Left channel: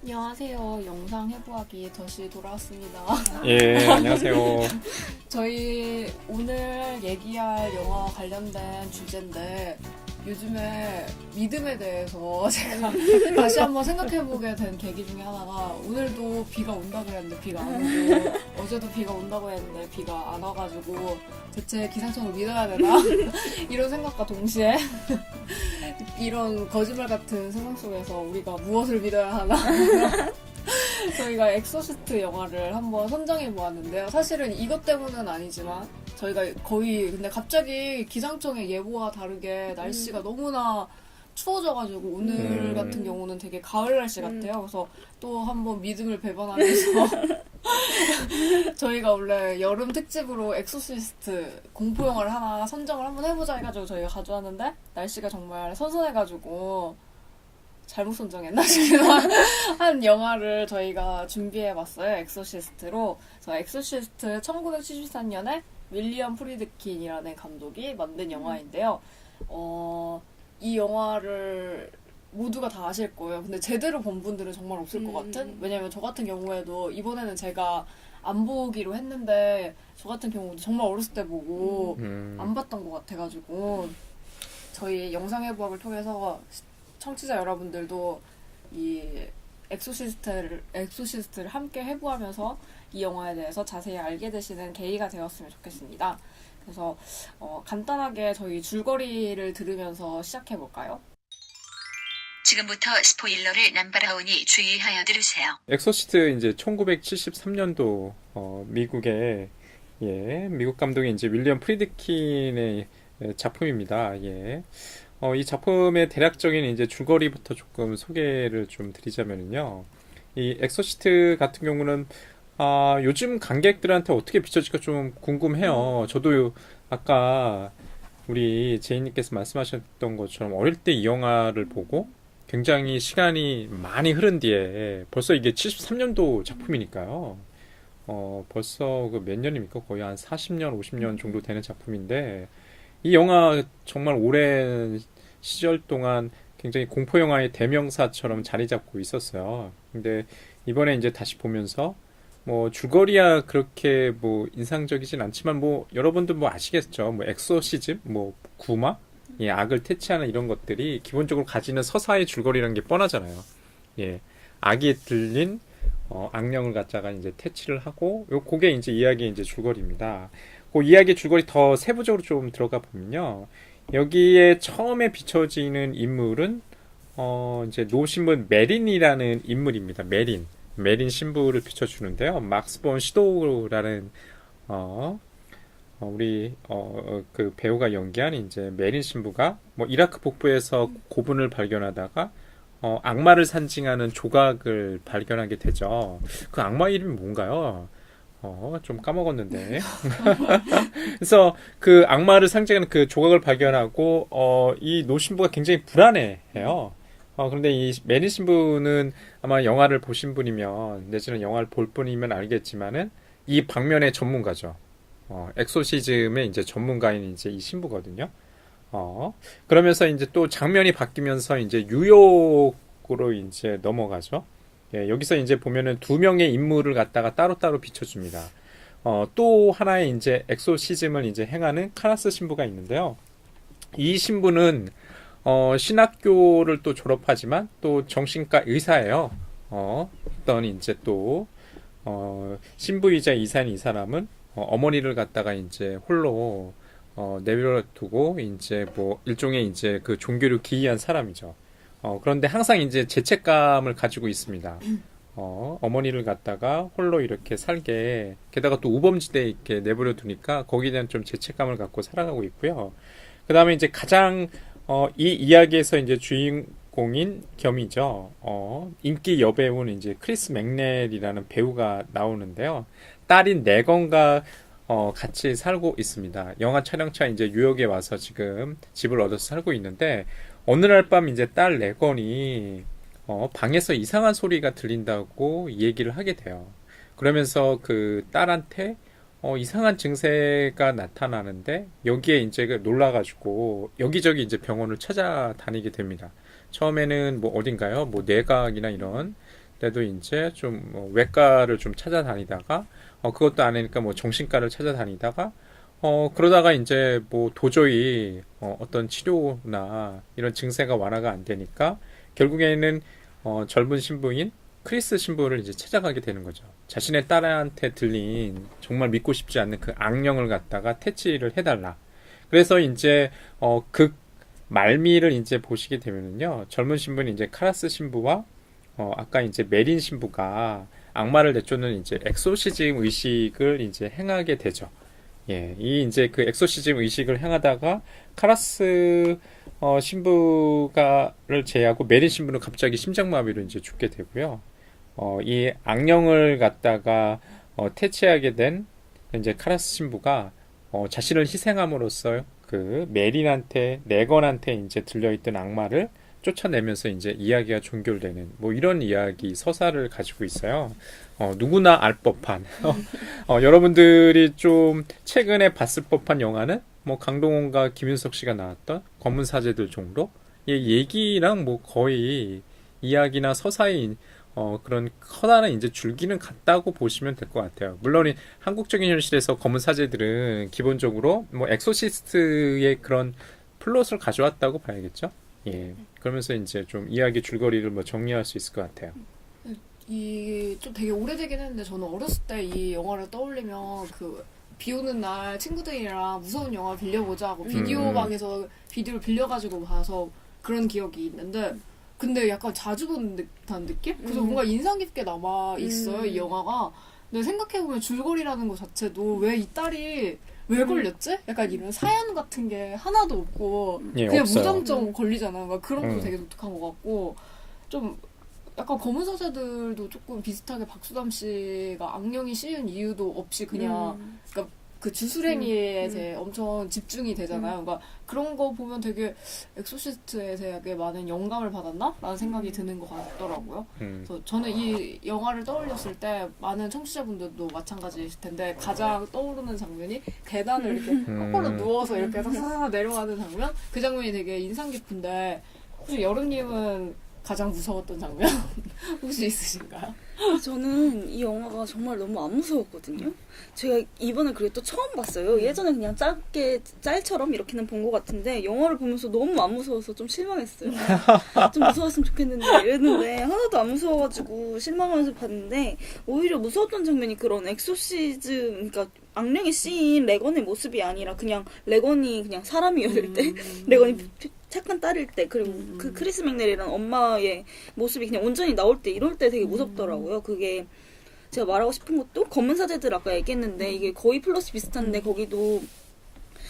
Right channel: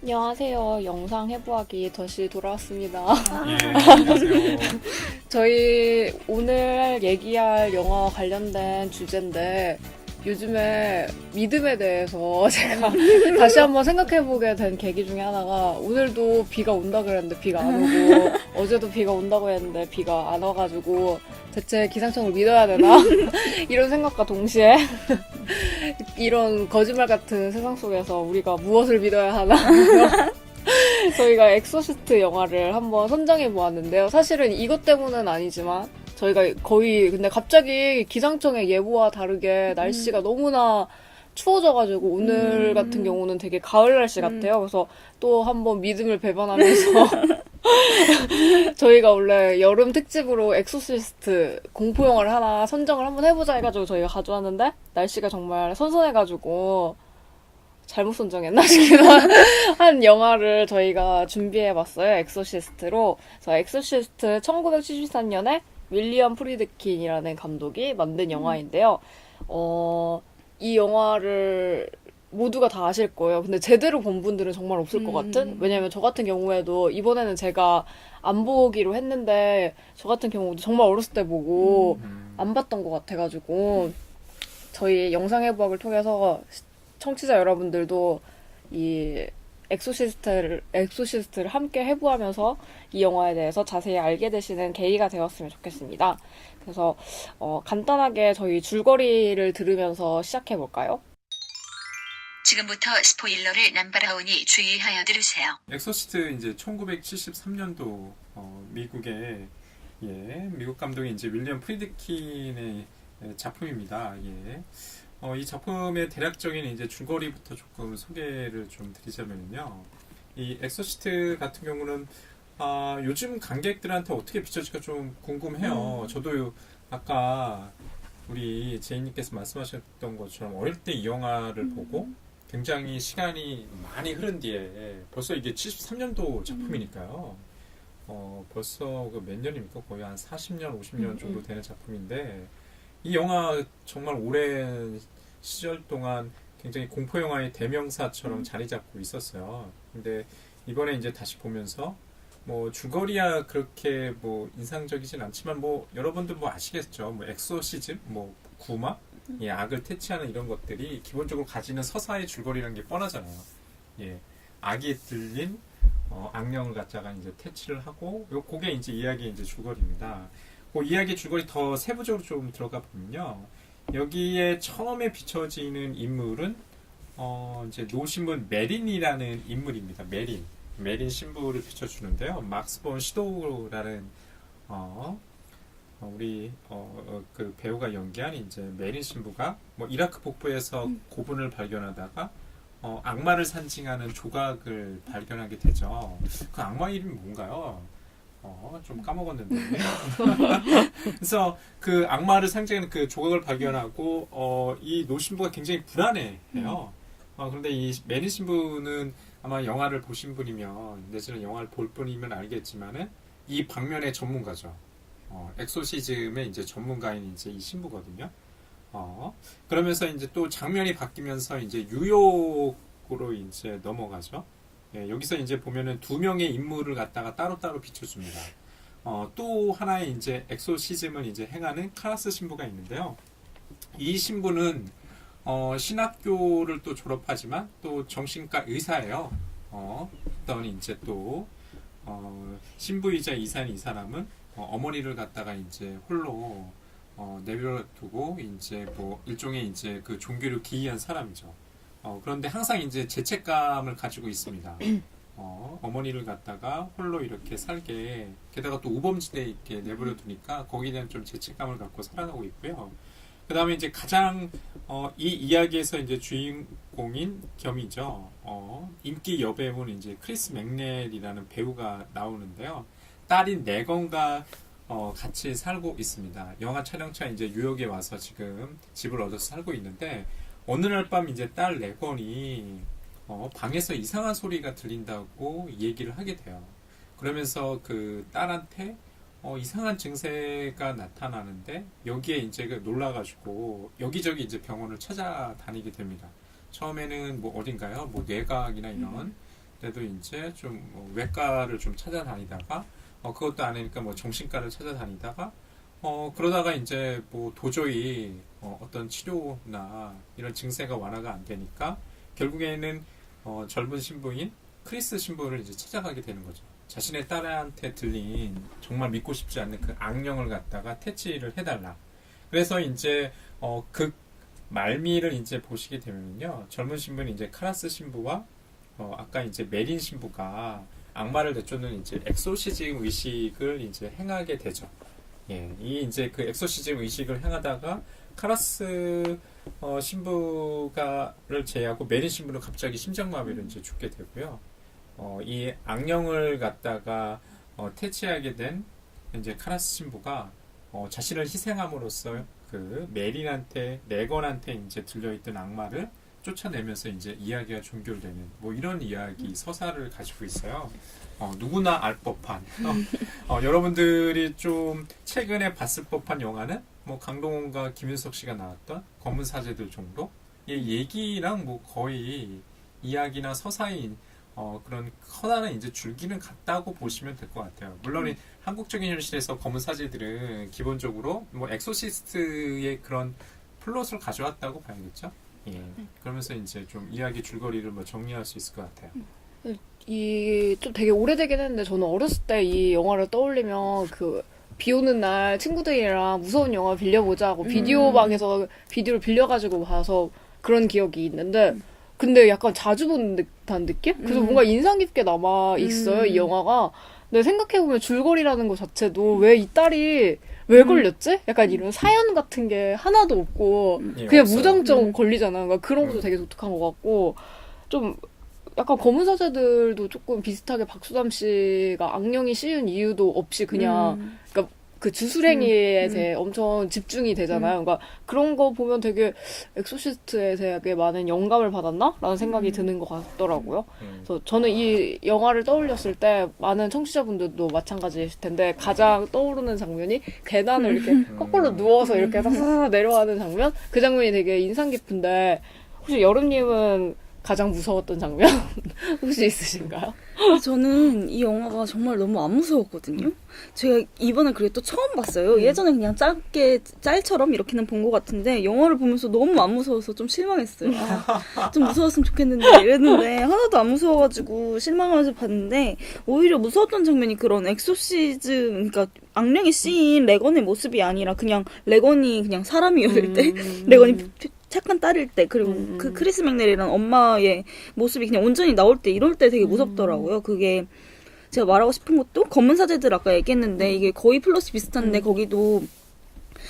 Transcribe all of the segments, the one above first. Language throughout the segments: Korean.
안녕하세요. 영상 해부하기 다시 돌아왔습니다. 예, 안녕하세요. 저희 오늘 얘기할 영화 관련된 주제인데 요즘에 믿음에 대해서 제가 다시 한번 생각해보게 된 계기 중에 하나가 오늘도 비가 온다 그랬는데 비가 안 오고 어제도 비가 온다고 했는데 비가 안 와가지고 대체 기상청을 믿어야 되나? 이런 생각과 동시에 이런 거짓말 같은 세상 속에서 우리가 무엇을 믿어야 하나? 저희가 엑소시스트 영화를 한번 선정해 보았는데요. 사실은 이것 때문은 아니지만 저희가 거의 근데 갑자기 기상청의 예보와 다르게 날씨가 너무나 추워져가지고 오늘 같은 경우는 되게 가을 날씨 같아요. 그래서 또 한번 믿음을 배반하면서 저희가 원래 여름 특집으로 엑소시스트 공포 영화를 하나 선정을 한번 해보자 해가지고 저희가 가져왔는데 날씨가 정말 선선해가지고 잘못 선정했나 싶기도 한 영화를 저희가 준비해봤어요. 엑소시스트로. 그래서 엑소시스트 1973년에 윌리엄 프리드킨이라는 감독이 만든 영화인데요. 이 영화를 모두가 다 아실 거예요. 근데 제대로 본 분들은 정말 없을 것 같은? 왜냐면 저 같은 경우에도 이번에는 제가 안 보기로 했는데 저 같은 경우도 정말 어렸을 때 보고 안 봤던 것 같아가지고 저희 영상 해부학을 통해서 청취자 여러분들도 이 엑소시스트를 함께 해부하면서 이 영화에 대해서 자세히 알게 되시는 계기가 되었으면 좋겠습니다. 그래서 간단하게 저희 줄거리를 들으면서 시작해볼까요? 지금부터 스포일러를 남발하오니 주의하여 들으세요. 엑소시스트 이제 1973년도 미국의 미국 감독인 이제 윌리엄 프리드킨의 작품입니다. 이 작품의 대략적인 이제 줄거리부터 조금 소개를 좀 드리자면요. 이 엑소시스트 같은 경우는 요즘 관객들한테 어떻게 비춰질까 좀 궁금해요. 저도 아까 우리 제이님께서 말씀하셨던 것처럼 어릴 때 이 영화를 보고 굉장히 시간이 많이 흐른 뒤에 벌써 이게 73년도 작품이니까요. 벌써 그 몇 년입니까? 거의 한 40년, 50년 정도 되는 작품인데 이 영화 정말 오랜 시절 동안 굉장히 공포 영화의 대명사처럼 자리 잡고 있었어요. 근데 이번에 이제 다시 보면서 뭐 줄거리야 그렇게 뭐 인상적이진 않지만 뭐 여러분들 뭐 아시겠죠? 뭐 엑소시즘, 뭐 구마, 악을 퇴치하는 이런 것들이 기본적으로 가지는 서사의 줄거리라는 게 뻔하잖아요. 악이 들린 악령을 갖다가 이제 퇴치를 하고 그게 이제 이야기의 이제 줄거리입니다. 그 이야기의 줄거리 더 세부적으로 좀 들어가 보면요. 여기에 처음에 비춰지는 인물은 이제 노신분 메린이라는 인물입니다. 메린 신부를 비춰주는데요. 막스 본 시도우라는 우리 그 배우가 연기한 이제 메린 신부가 뭐 이라크 북부에서 고분을 발견하다가 악마를 상징하는 조각을 발견하게 되죠. 그 악마 이름이 뭔가요? 좀 까먹었는데. 그래서 그 악마를 상징하는 그 조각을 발견하고, 이 노신부가 굉장히 불안해해요. 그런데 이 메린 신부는 아마 영화를 보신 분이면, 내지는 영화를 볼 분이면 알겠지만은, 이 방면의 전문가죠. 엑소시즘의 이제 전문가인 이제 이 신부거든요. 그러면서 이제 또 장면이 바뀌면서 이제 뉴욕으로 이제 넘어가죠. 여기서 이제 보면은 두 명의 인물을 갖다가 따로따로 비춰줍니다. 또 하나의 이제 엑소시즘을 이제 행하는 카라스 신부가 있는데요. 이 신부는 신학교를 또 졸업하지만 또 정신과 의사예요. 어떤 이제 또 신부이자 이사인 이 사람은 어머니를 갖다가 이제 홀로 내버려두고 이제 뭐 일종의 이제 그 종교를 기이한 사람이죠. 그런데 항상 이제 죄책감을 가지고 있습니다. 어머니를 갖다가 홀로 이렇게 살게, 게다가 또 우범지대에 이렇게 내버려 두니까 거기에 대한 좀 죄책감을 갖고 살아가고 있고요. 그 다음에 이제 가장, 이 이야기에서 이제 주인공인 겸이죠. 인기 여배우는 이제 크리스 맥넬이라는 배우가 나오는데요. 딸인 네건과 같이 살고 있습니다. 영화 촬영차 이제 뉴욕에 와서 지금 집을 얻어서 살고 있는데, 어느 날 밤 이제 딸 레건이 방에서 이상한 소리가 들린다고 얘기를 하게 돼요. 그러면서 그 딸한테 이상한 증세가 나타나는데 여기에 이제 놀라가지고 여기저기 이제 병원을 찾아다니게 됩니다. 처음에는 뭐 어딘가요? 뭐 뇌과학이나 이런 때도 이제 좀뭐 외과를 좀 찾아다니다가 그것도 안 하니까 뭐 정신과를 찾아다니다가 그러다가 이제 뭐 도저히 어떤 치료나 이런 증세가 완화가 안 되니까 결국에는 젊은 신부인 크리스 신부를 이제 찾아가게 되는 거죠. 자신의 딸한테 들린 정말 믿고 싶지 않는 그 악령을 갖다가 퇴치를 해달라. 그래서 이제 그 말미를 이제 보시게 되면은요, 젊은 신부는 이제 카라스 신부와 아까 이제 메린 신부가 악마를 내쫓는 이제 엑소시즘 의식을 이제 행하게 되죠. 예, 이 이제 그 엑소시즘 의식을 행하다가 카라스 신부가를 제외하고 메린 신부는 갑자기 심장마비로 이제 죽게 되고요. 이 악령을 갖다가 퇴치하게 된 이제 카라스 신부가 자신을 희생함으로써 그 메린한테 레건한테 이제 들려있던 악마를 쫓아내면서 이제 이야기가 종결되는 뭐 이런 이야기 서사를 가지고 있어요. 누구나 알 법한 여러분들이 좀 최근에 봤을 법한 영화는 뭐 강동원과 김윤석 씨가 나왔던 검은 사제들 정도 얘기랑 뭐 거의 이야기나 서사의 그런 커다란 이제 줄기는 같다고 보시면 될 것 같아요. 물론 한국적인 현실에서 검은 사제들은 기본적으로 뭐 엑소시스트의 그런 플롯을 가져왔다고 봐야겠죠. 예. 그러면서 이제 좀 이야기 줄거리를 뭐 정리할 수 있을 것 같아요. 이 좀 되게 오래되긴 했는데 저는 어렸을 때 이 영화를 떠올리면 그 비 오는 날 친구들이랑 무서운 영화 빌려보자고 비디오 방에서 비디오를 빌려가지고 봐서 그런 기억이 있는데 근데 약간 자주 본 듯한 느낌? 그래서 뭔가 인상 깊게 남아 있어요, 이 영화가. 근데 생각해보면 줄거리라는 것 자체도 왜 이 딸이 왜 걸렸지? 약간 이런 사연 같은 게 하나도 없고 예, 그냥 없어요. 무장점 걸리잖아. 그러니까 그런 것도 되게 독특한 것 같고 좀 약간 검은 사제들도 조금 비슷하게 박수담 씨가 악령이 씌운 이유도 없이 그냥 그러니까 그 주술행위에 대해 엄청 집중이 되잖아요. 그러니까 그런 거 보면 되게 엑소시스트에 되게 많은 영감을 받았나? 라는 생각이 드는 것 같더라고요. 그래서 저는 이 영화를 떠올렸을 때 많은 청취자분들도 마찬가지일 텐데 가장 떠오르는 장면이 계단을 이렇게 거꾸로 누워서 이렇게 싹싹 내려가는 장면? 그 장면이 되게 인상 깊은데 혹시 여름님은 가장 무서웠던 장면 혹시 있으신가요? 저는 이 영화가 정말 너무 안 무서웠거든요. 제가 이번에 그리고 또 처음 봤어요. 예전에 그냥 짧게 짤처럼 이렇게는 본 것 같은데 영화를 보면서 너무 안 무서워서 좀 실망했어요. 좀 무서웠으면 좋겠는데 이랬는데 하나도 안 무서워가지고 실망하면서 봤는데 오히려 무서웠던 장면이 그런 엑소시즘 그러니까 악령이 씌인 레건의 모습이 아니라 그냥 레건이 그냥 사람이었을 때 레건이 착한 딸일 때 그리고 그 크리스 맥넬이라는 엄마의 모습이 그냥 온전히 나올 때 이럴 때 되게 무섭더라고요. 그게 제가 말하고 싶은 것도 검은 사제들 아까 얘기했는데 이게 거의 플러스 비슷한데 거기도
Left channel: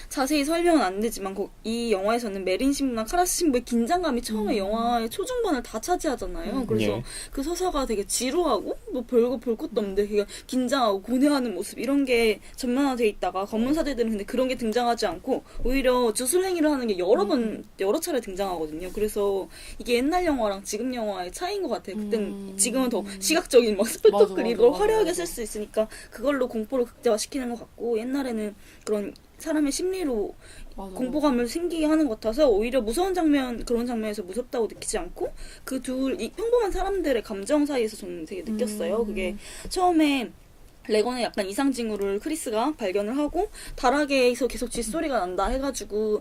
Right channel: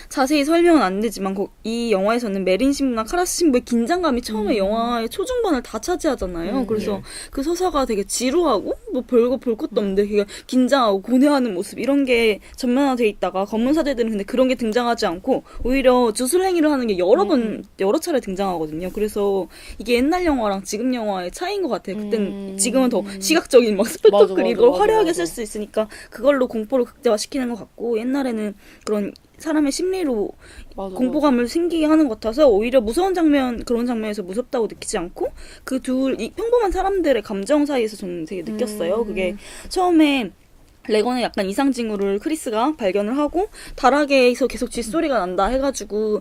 자세히 설명은 안 되지만 이 영화에서는 메린 신부나 카라스 신부의 긴장감이 처음에 영화의 초중반을 다 차지하잖아요. 그래서 예. 그 서사가 되게 지루하고 뭐 별거 볼 것도 없는데 되게 긴장하고 고뇌하는 모습 이런 게 전면화돼 있다가 검은 사제들은 근데 그런 게 등장하지 않고 오히려 주술행위를 하는 게 여러 차례 등장하거든요. 그래서 이게 옛날 영화랑 지금 영화의 차이인 것 같아요. 그때는 지금은 더 시각적인 막 스펙터클이고 화려하게 쓸 수 있으니까 그걸로 공포를 극대화시키는 것 같고 옛날에는 그런 사람의 심리로 공포감을 생기게 하는 것 같아서 오히려 무서운 장면 그런 장면에서 무섭다고 느끼지 않고 그 이 평범한 사람들의 감정 사이에서 저는 되게 느꼈어요. 그게 처음에 레건의 약간 이상 징후를 크리스가 발견을 하고 다락에서 계속 쥐소리가 난다 해가지고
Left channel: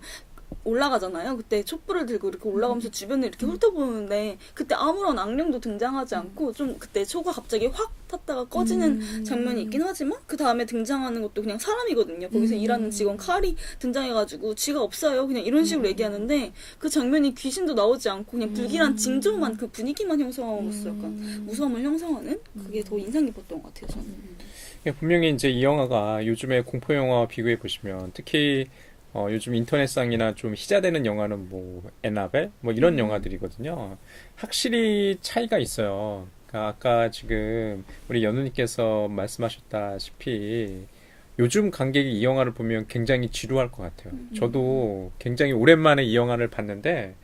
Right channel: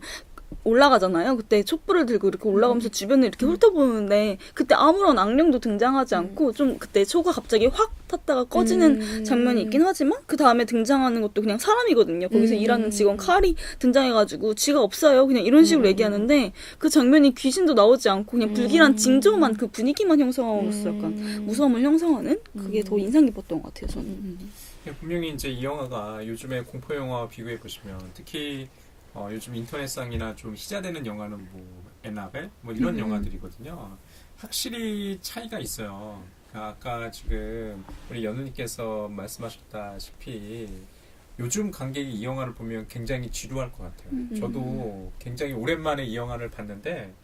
올라가잖아요. 그때 촛불을 들고 이렇게 올라가면서 주변을 이렇게 훑어보는데 그때 아무런 악령도 등장하지 않고 좀 그때 초가 갑자기 확 탔다가 꺼지는 장면이 있긴 하지만 그 다음에 등장하는 것도 그냥 사람이거든요. 거기서 일하는 직원 칼이 등장해가지고 쥐가 없어요. 그냥 이런 식으로 얘기하는데 그 장면이 귀신도 나오지 않고 그냥 불길한 징조만 그 분위기만 형성하면서 약간 무서움을 형성하는 그게 더 인상 깊었던 것 같아요. 저는. 분명히 이제 이 영화가 요즘의 공포 영화와 비교해 보시면 특히 요즘 인터넷상이나 좀 희자되는 영화는 뭐 에나벨 뭐 이런 영화들이거든요. 확실히 차이가 있어요. 그러니까 아까 지금 우리 연우님께서 말씀하셨다시피 요즘 관객이 이 영화를 보면 굉장히 지루할 것 같아요. 저도 굉장히 오랜만에 이 영화를 봤는데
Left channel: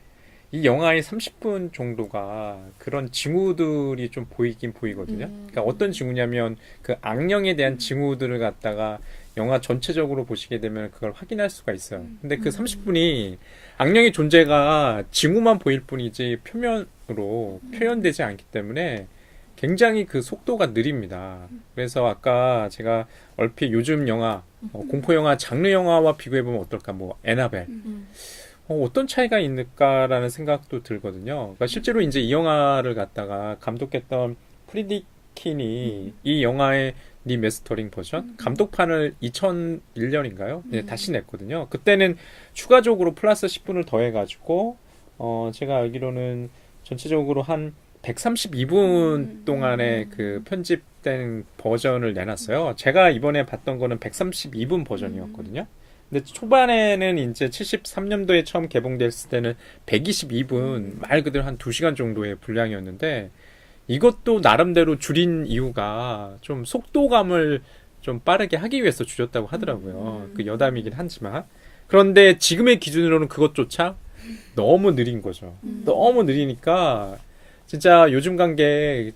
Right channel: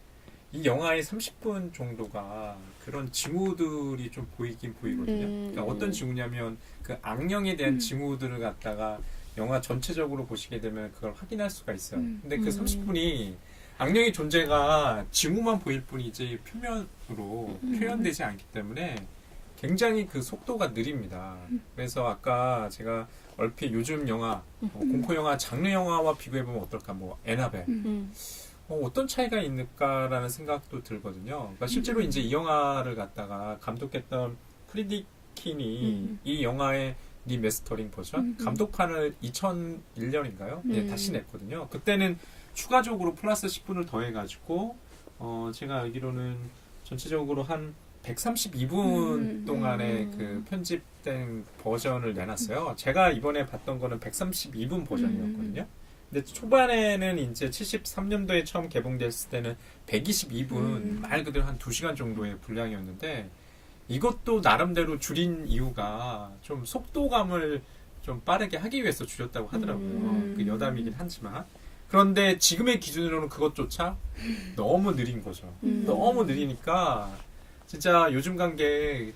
이 영화의 30분 정도가 그런 징후들이 좀 보이긴 보이거든요. 그러니까 어떤 징후냐면 그 악령에 대한 징후들을 갖다가 영화 전체적으로 보시게 되면 그걸 확인할 수가 있어요. 근데 그 30분이 악령의 존재가 징후만 보일 뿐이지 표면으로 표현되지 않기 때문에 굉장히 그 속도가 느립니다. 그래서 아까 제가 얼핏 요즘 영화, 공포 영화, 장르 영화와 비교해 보면 어떨까? 뭐 에나벨. 어떤 차이가 있을까라는 생각도 들거든요. 그러니까 실제로 이제 이 영화를 갖다가 감독했던 프리디킨이 이 영화의 리메스터링 버전 감독판을 2001년인가요? 네, 다시 냈거든요. 그때는 추가적으로 플러스 10분을 더해가지고 제가 알기로는 전체적으로 한 132분 동안의 그 편집된 버전을 내놨어요. 제가 이번에 봤던 거는 132분 버전이었거든요. 근데 초반에는 이제 73년도에 처음 개봉됐을 때는 122분, 말 그대로 한 2시간 정도의 분량이었는데, 이것도 나름대로 줄인 이유가 좀 속도감을 좀 빠르게 하기 위해서 줄였다고 하더라고요. 그 여담이긴 하지만. 그런데 지금의 기준으로는 그것조차 너무 느린 거죠. 너무 느리니까, 진짜 요즘 관계,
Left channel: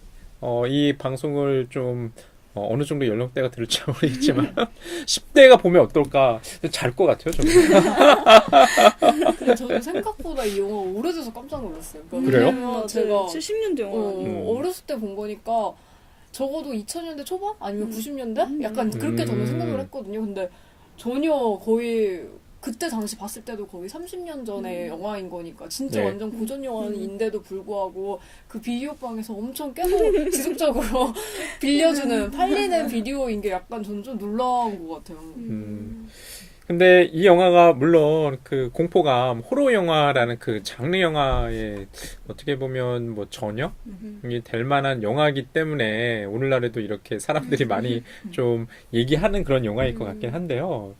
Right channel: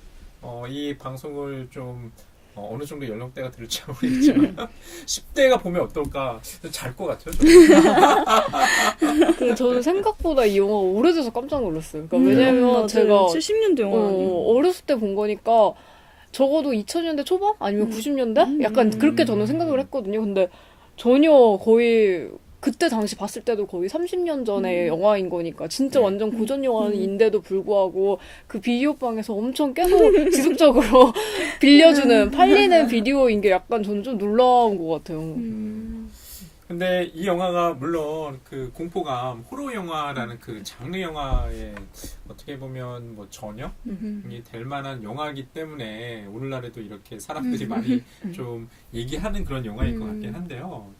이 방송을 좀, 어느 정도 연령대가 들을지 모르겠지만 10대가 보면 어떨까 잘 것 같아요. 근데 저는 생각보다 이 영화가 오래돼서 깜짝 놀랐어요. 그러니까 그래요? 왜냐면 제가 70년도 영화. 어렸을 때 본 거니까 적어도 2000년대 초반 아니면 90년대 약간 그렇게 저는 생각을 했거든요. 근데 전혀 거의 그때 당시 봤을 때도 거의 30년 전의 영화인 거니까 진짜 네. 완전 고전 영화인데도 불구하고 그 비디오방에서 엄청 계속 지속적으로 빌려주는 팔리는 비디오인 게 약간 저는 좀 놀라운 것 같아요. 근데 이 영화가 물론 그 공포감, 호러 영화라는 그 장르 영화의 어떻게 보면 뭐 전형이 될 만한 영화이기 때문에 오늘날에도 이렇게 사람들이 많이 좀 얘기하는 그런 영화일 것 같긴 한데요.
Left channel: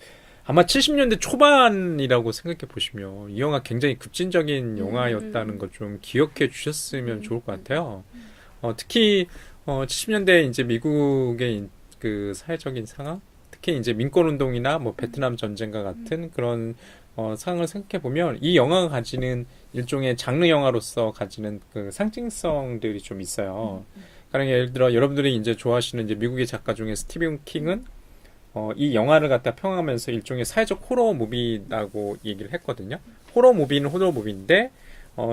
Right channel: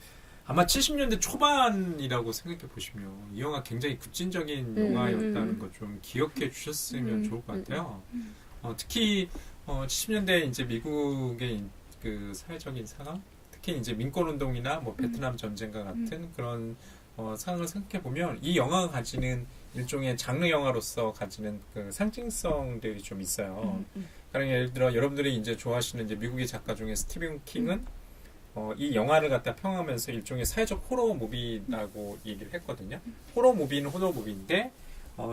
아마 70년대 초반이라고 생각해 보시면 이 영화 굉장히 급진적인 영화였다는 거 좀 기억해 주셨으면 좋을 것 같아요. 특히 70년대 이제 미국의 그 사회적인 상황, 특히 이제 민권운동이나 뭐 베트남 전쟁과 같은 그런 상황을 생각해 보면 이 영화가 가지는 일종의 장르 영화로서 가지는 그 상징성들이 좀 있어요. 가령 예를 들어 여러분들이 이제 좋아하시는 이제 미국의 작가 중에 스티븐 킹은 이 영화를 갖다 평하면서 일종의 사회적 호러 무비라고 얘기를 했거든요. 호러 무비는 호러 무비인데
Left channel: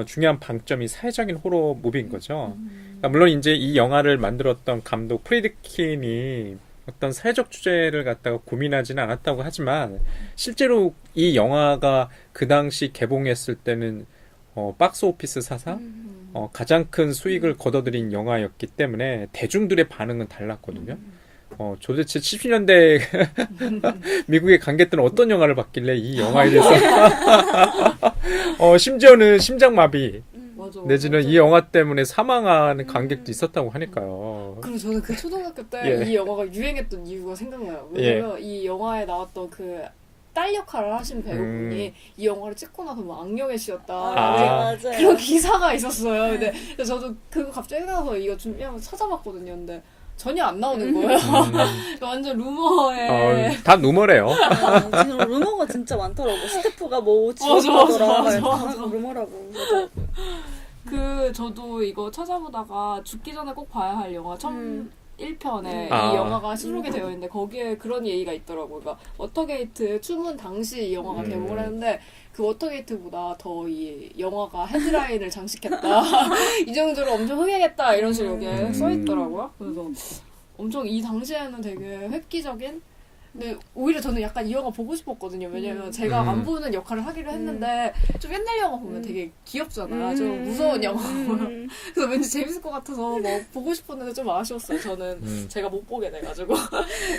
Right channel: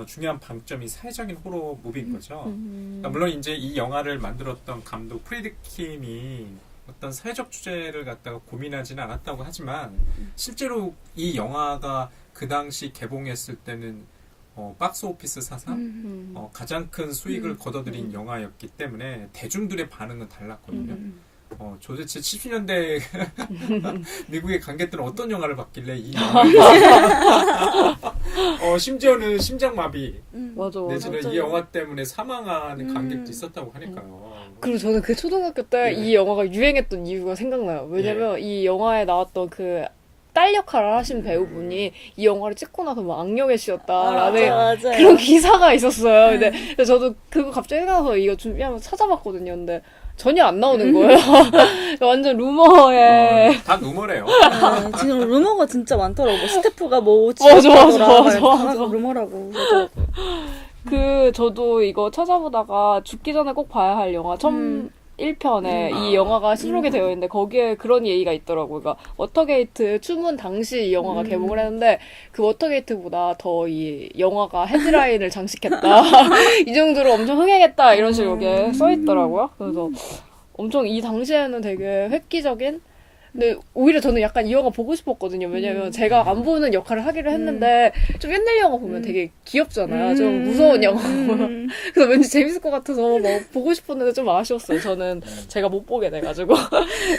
중요한 방점이 사회적인 호러 무비인 거죠. 그러니까 물론 이제 이 영화를 만들었던 감독 프리드킨이 어떤 사회적 주제를 갖다가 고민하지는 않았다고 하지만 실제로 이 영화가 그 당시 개봉했을 때는 박스 오피스 사상 가장 큰 수익을 거둬들인 영화였기 때문에 대중들의 반응은 달랐거든요. 도대체 70년대 미국의 관객들은 어떤 영화를 봤길래 이 영화에 대해서 심지어는 심장마비 맞아. 내지는 이 영화 때문에 사망하는 관객도 있었다고 하니까요. 그리고 저는 그 초등학교 때 이 영화가 유행했던 이유가 생각나요. 왜냐면 이 영화에 나왔던 그 딸 역할을 하신 배우분이 이 영화를 찍고 나서 뭐 악령의 씨였다라는 맞아요. 그런 기사가 있었어요. 근데 저도 그거 갑자기 생각나서 이거 준비하면서 찾아봤거든요. 근데 전혀 안 나오는 거예요. 완전 루머에. 다 루머래요. 지금 루머가 진짜 많더라고. 스태프가 뭐 맞아. 루머라고. 저도 이거 찾아보다가 죽기 전에 꼭 봐야 할 영화 1편에 이 영화가 수록이 되어 있는데 거기에 그런 얘기가 있더라고요. 그러니까 워터게이트 추문 당시 이 영화가 개봉을 했는데 그 워터게이트보다 더 이 영화가 헤드라인을 장식했다. 이 정도로 엄청 흥행했다. 이런 식으로 여기에 써 있더라고요. 그래서 엄청 이 당시에는 되게 획기적인 근데 오히려 저는 약간 이 영화 보고 싶었거든요. 왜냐면 제가 안 보는 역할을 하기로 했는데 좀 옛날 영화 보면 되게 귀엽잖아요. 좀 무서운 영화. 그래서 왠지 재밌을 것 같아서 막 보고 싶었는데 좀 아쉬웠어요. 저는 제가 못 보게 돼가지고.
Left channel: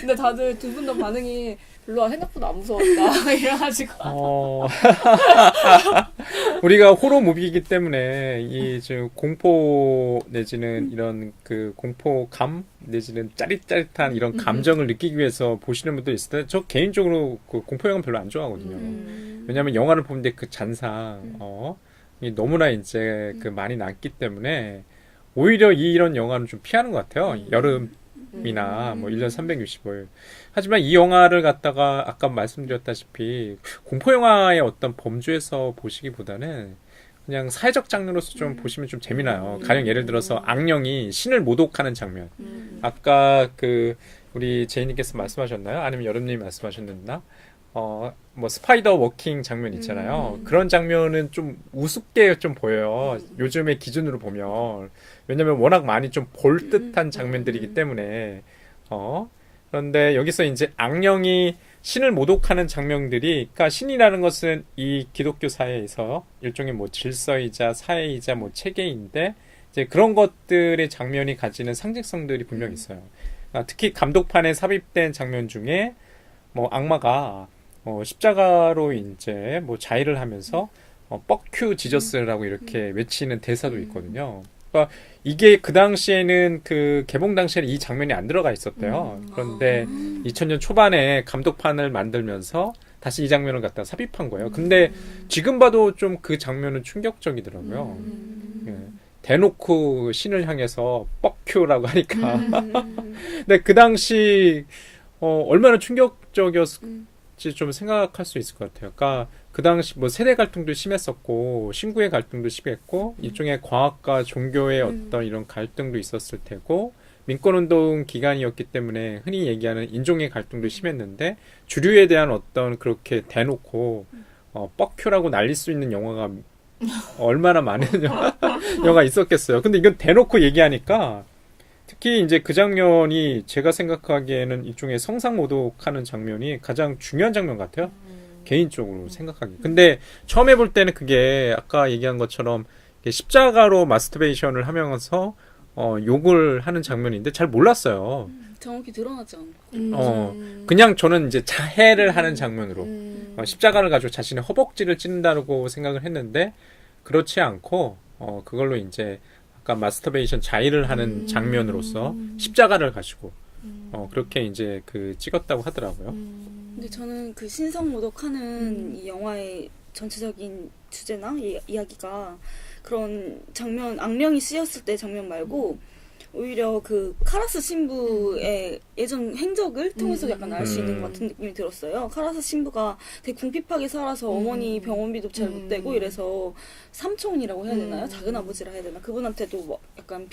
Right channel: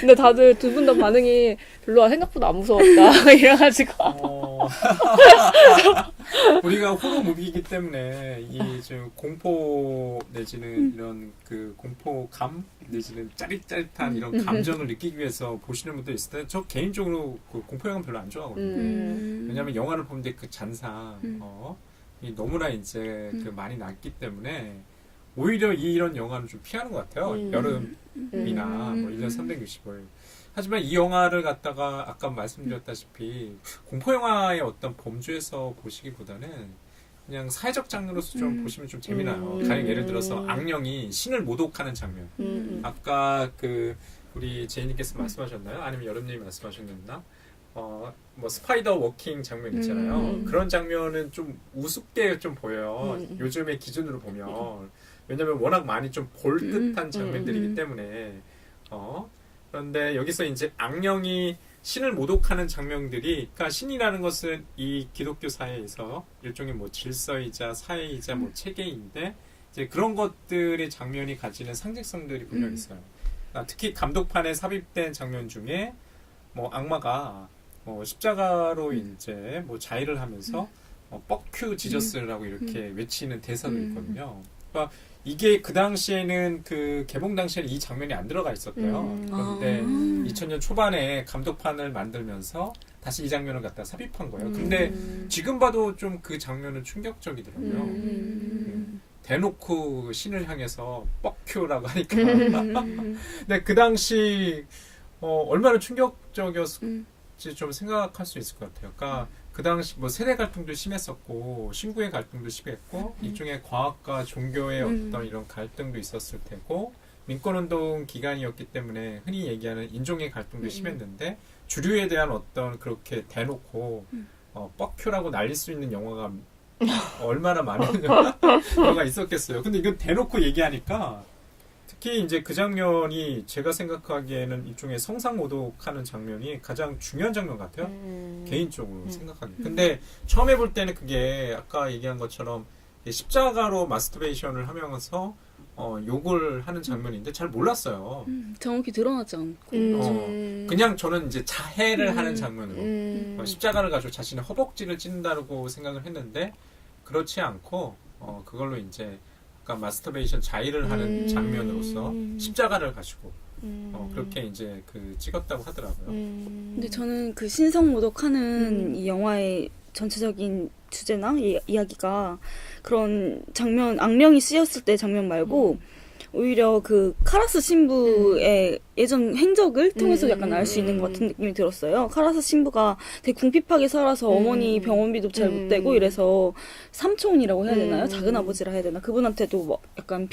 근데 다들 두 분 다 반응이 별로 생각보다 안 무서웠다. 이래가지고. 우리가 호러 무비이기 때문에 이 지금 공포 내지는 이런 그 공포감 내지는 짜릿짜릿한 이런 감정을 느끼기 위해서 보시는 분들 있을 텐데 저 개인적으로 그 공포 영화 별로 안 좋아하거든요. 왜냐하면 영화를 보는데 그 잔상 이 너무나 이제 그 많이 남기 때문에 오히려 이런 영화는 좀 피하는 것 같아요. 여름이나 뭐 1년 365일. 하지만 이 영화를 갖다가 아까 말씀드렸다시피 공포 영화의 어떤 범주에서 보시기보다는 그냥 사회적 장르로서 좀 보시면 좀 재미나요. 가령 예를 들어서 악령이 신을 모독하는 장면. 아까 그 우리 제이님께서 말씀하셨나요? 아니면 여름님이 말씀하셨나? 뭐 스파이더 워킹 장면 있잖아요. 그런 장면은 좀 우습게 좀 보여요. 요즘의 기준으로 보면. 왜냐면 워낙 많이 좀 볼 듯한 장면들이기 때문에. 그런데 여기서 이제 악령이 신을 모독하는 장면들이, 그러니까 신이라는 것은 이 기독교 사회에서 일종의 뭐 질서이자 사회이자 뭐 체계인데, 이제 그런 것들의 장면이 가지는 상징성들이 분명히 있어요. 특히 감독판에 삽입된 장면 중에 뭐 악마가 십자가로 이제 뭐 자의를 하면서 뻑큐 지저스라고 이렇게 외치는 대사도 있거든요. 그러니까 이게 그 당시에는 그 개봉 당시에는 이 장면이 안 들어가 있었대요. 그런데 2000년 초반에 감독판을 만들면서 다시 이 장면을 갖다 삽입한 거예요. 근데 지금 봐도 좀 그 장면은 충격적이더라고요. 예. 대놓고 신을 향해서 뻑큐라고 하니까. 근데 그 당시 얼마나 충격적이었을지 좀 생각할 수 있을 것 같아요. 그러니까 그 당시 뭐 세대 갈등도 심했었고 신구의 갈등도 심했고 일종의 과학과 종교의 어떤 이런 갈등도 있었을 테고 민권운동 기간이었기 때문에 흔히 얘기하는 인종의 갈등도 심했는데 주류에 대한 어떤 그렇게 대놓고 뻑큐라고 날릴 수 있는 영화가 얼마나 많은 영화가 있었겠어요. 근데 이건 대놓고 얘기하니까 특히 이제 그 장면이 제가 생각하기에는 일종의 성상 모독하는 장면이 가장 중요한 장면 같아요. 개인적으로 생각하기. 근데 처음에 볼 때는 그게 아까 얘기한 것처럼 십자가로 마스터베이션을 하면서 욕을 하는 장면인데 잘 몰랐어요. 정확히 드러나지 않고. 그냥 저는 이제 자해를 하는 장면으로 십자가를 가지고 자신의 허벅지를 찢는다고 생각을 했는데 그렇지 않고 그걸로 이제 아까 마스터베이션 자의를 하는 장면으로서 십자가를 가지고 그렇게 이제 그 찍었다고 하더라고요. 근데 저는 그 신성 모독하는 이 영화의 전체적인 주제나 이야기가 그런 장면, 악령이 씌었을 때 장면 말고 오히려 그 카라스 신부의 예전 행적을 통해서 약간 알 수 있는 것 같은 느낌이 들었어요. 카라스 신부가 되게 궁핍하게 살아서 어머니 병원비도 잘 못 대고 이래서 삼촌이라고 해야 되나요? 작은 아버지라 해야 되나? 그분한테도 막 약간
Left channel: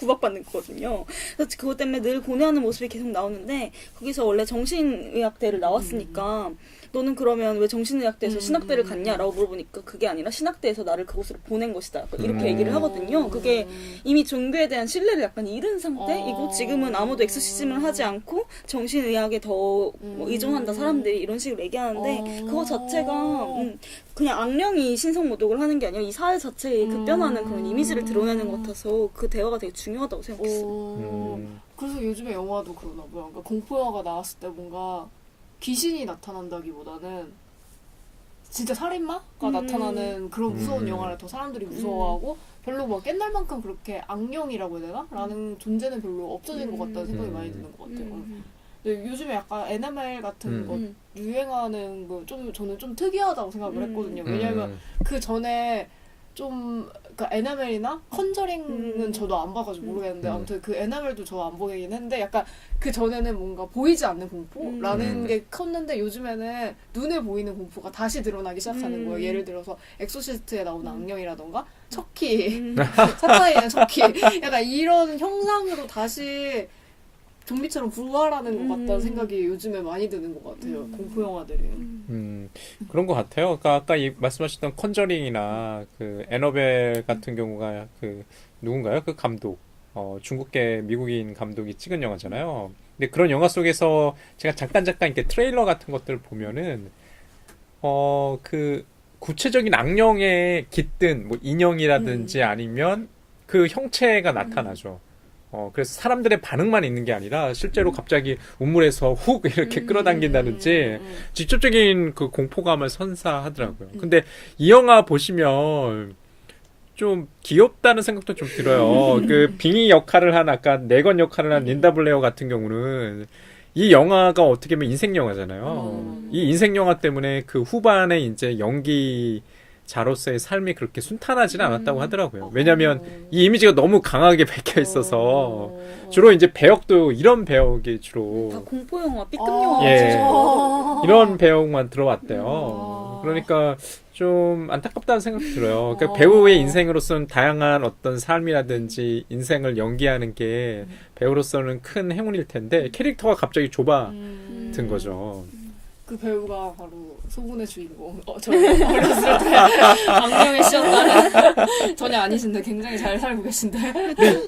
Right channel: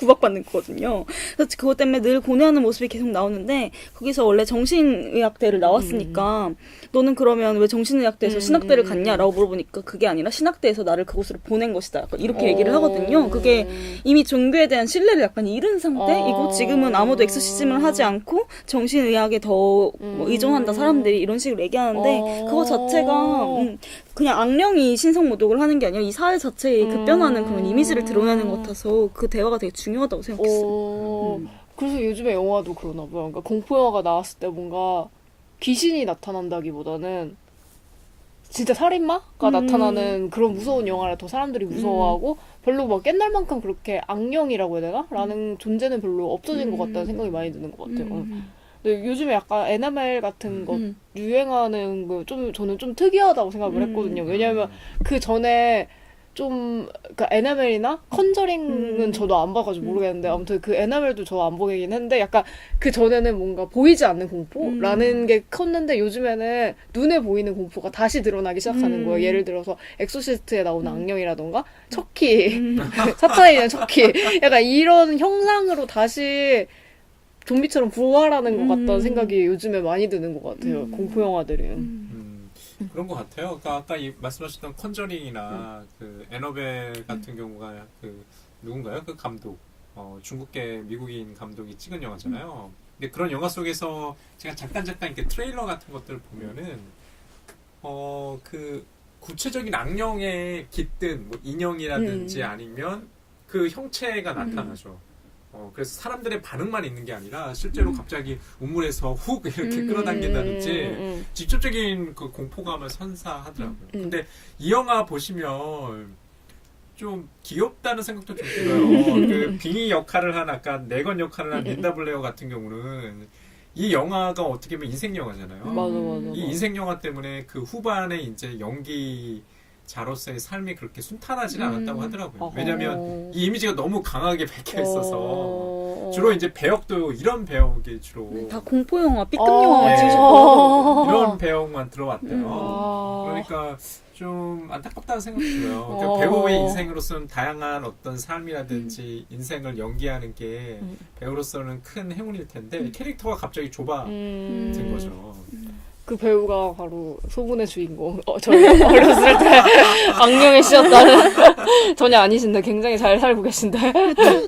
구박받는 거거든요. 그래서 그것 때문에 늘 고뇌하는 모습이 계속 나오는데 거기서 원래 정신의학대를 나왔으니까 너는 그러면 왜 정신의학대에서 신학대를 갔냐라고 물어보니까 그게 아니라 신학대에서 나를 그곳으로 보낸 것이다. 약간 이렇게 얘기를 하거든요. 그게 이미 종교에 대한 신뢰를 약간 잃은 상태이고 지금은 아무도 엑소시즘을 하지 않고 정신의학에 더 뭐 의존한다 사람들이 이런 식으로 얘기하는데 그거 자체가 그냥 악령이 신성모독을 하는 게 아니라 이 사회 자체의 급변하는 그런 이미지를 드러내는 것 같아서 그 대화가 되게 중요하다고 생각했어요. 그래서 요즘에 영화도 그러나 봐요. 그러니까 공포영화가 나왔을 때 뭔가 귀신이 나타난다기보다는 진짜 살인마가 나타나는 그런 무서운 영화를 더 사람들이 무서워하고 별로 막 옛날만큼 그렇게 악령이라고 해야 되나? 라는 존재는 별로 없어진 것 같다는 생각이 많이 드는 것 같아요. 근데 요즘에 약간 에나멜 같은 거 유행하는 거 저는 좀 특이하다고 생각을 했거든요. 왜냐면 그 전에 좀, 그니까 에나멜이나 컨저링은 저도 안 봐가지고 모르겠는데 아무튼 그 에나멜도 저 안 보긴 했는데 약간 그 전에는 뭔가 보이지 않는 공포라는 게 컸는데 요즘에는 눈에 보이는 공포가 다시 드러나기 시작하는 거예요. 예를 들어서 엑소시스트에 나오는 악령이라던가 척키, 사탄에 대한 척키 약간 이런 형상으로 다시 좀비처럼 부활하는 것 같다는 생각이 요즘에 많이 드는 것 같아요. 공포 영화들은. 그런 것 같아요. 그러니까 아까 말씀하셨던 컨저링이나 그 애너벨 같은 경우가 그 누군가요? 그 감독 중국계 미국인 감독이 찍은 영화잖아요. 근데 그런 영화 속에서 제가 잠깐 이렇게 트레일러 같은 것들을 보면은 그 구체적인 악령에 깃든 뭐 인형이라든지 아니면 그 형체가 나타나죠. 그래서 사람들의 반응만 있는 게 아니라 실제로 갑자기 우물에서 훅 이렇게 끌어당긴다든지 직접적인 그 공포감을 선사하더라고요. 근데 이 영화 보시면 좀 귀엽다는 생각도 좀 들어요. 그 빙의 역할을 한 아까 네건 역할을 한 린다 블레어 같은 경우는 이 영화가 어떻게 보면 인생 영화잖아요. 맞아. 이 인생 영화 때문에 그 후반에 이제 연기자로서의 삶이 그렇게 순탄하지는 않았다고 하더라고요. 왜냐하면 이 이미지가 너무 강하게 박혀 있어서 주로 이제 배역도 이런 배역이 주로 다 공포 영화, B급 영화. 예, 이런 배역만 들어왔대요. 그러니까 좀 안타깝다는 생각도 들어요. 그러니까 배우의 인생으로서는 다양한 어떤 삶이라든지 인생을 연기하는 게 배우로서는 큰 행운일 텐데 캐릭터가 갑자기 좁아든 거죠. 그 배우가 바로 소문의 주인공. 저희 어렸을 때 악령의 씨였다는. 전혀 아니신데 굉장히 잘 살고 계신데.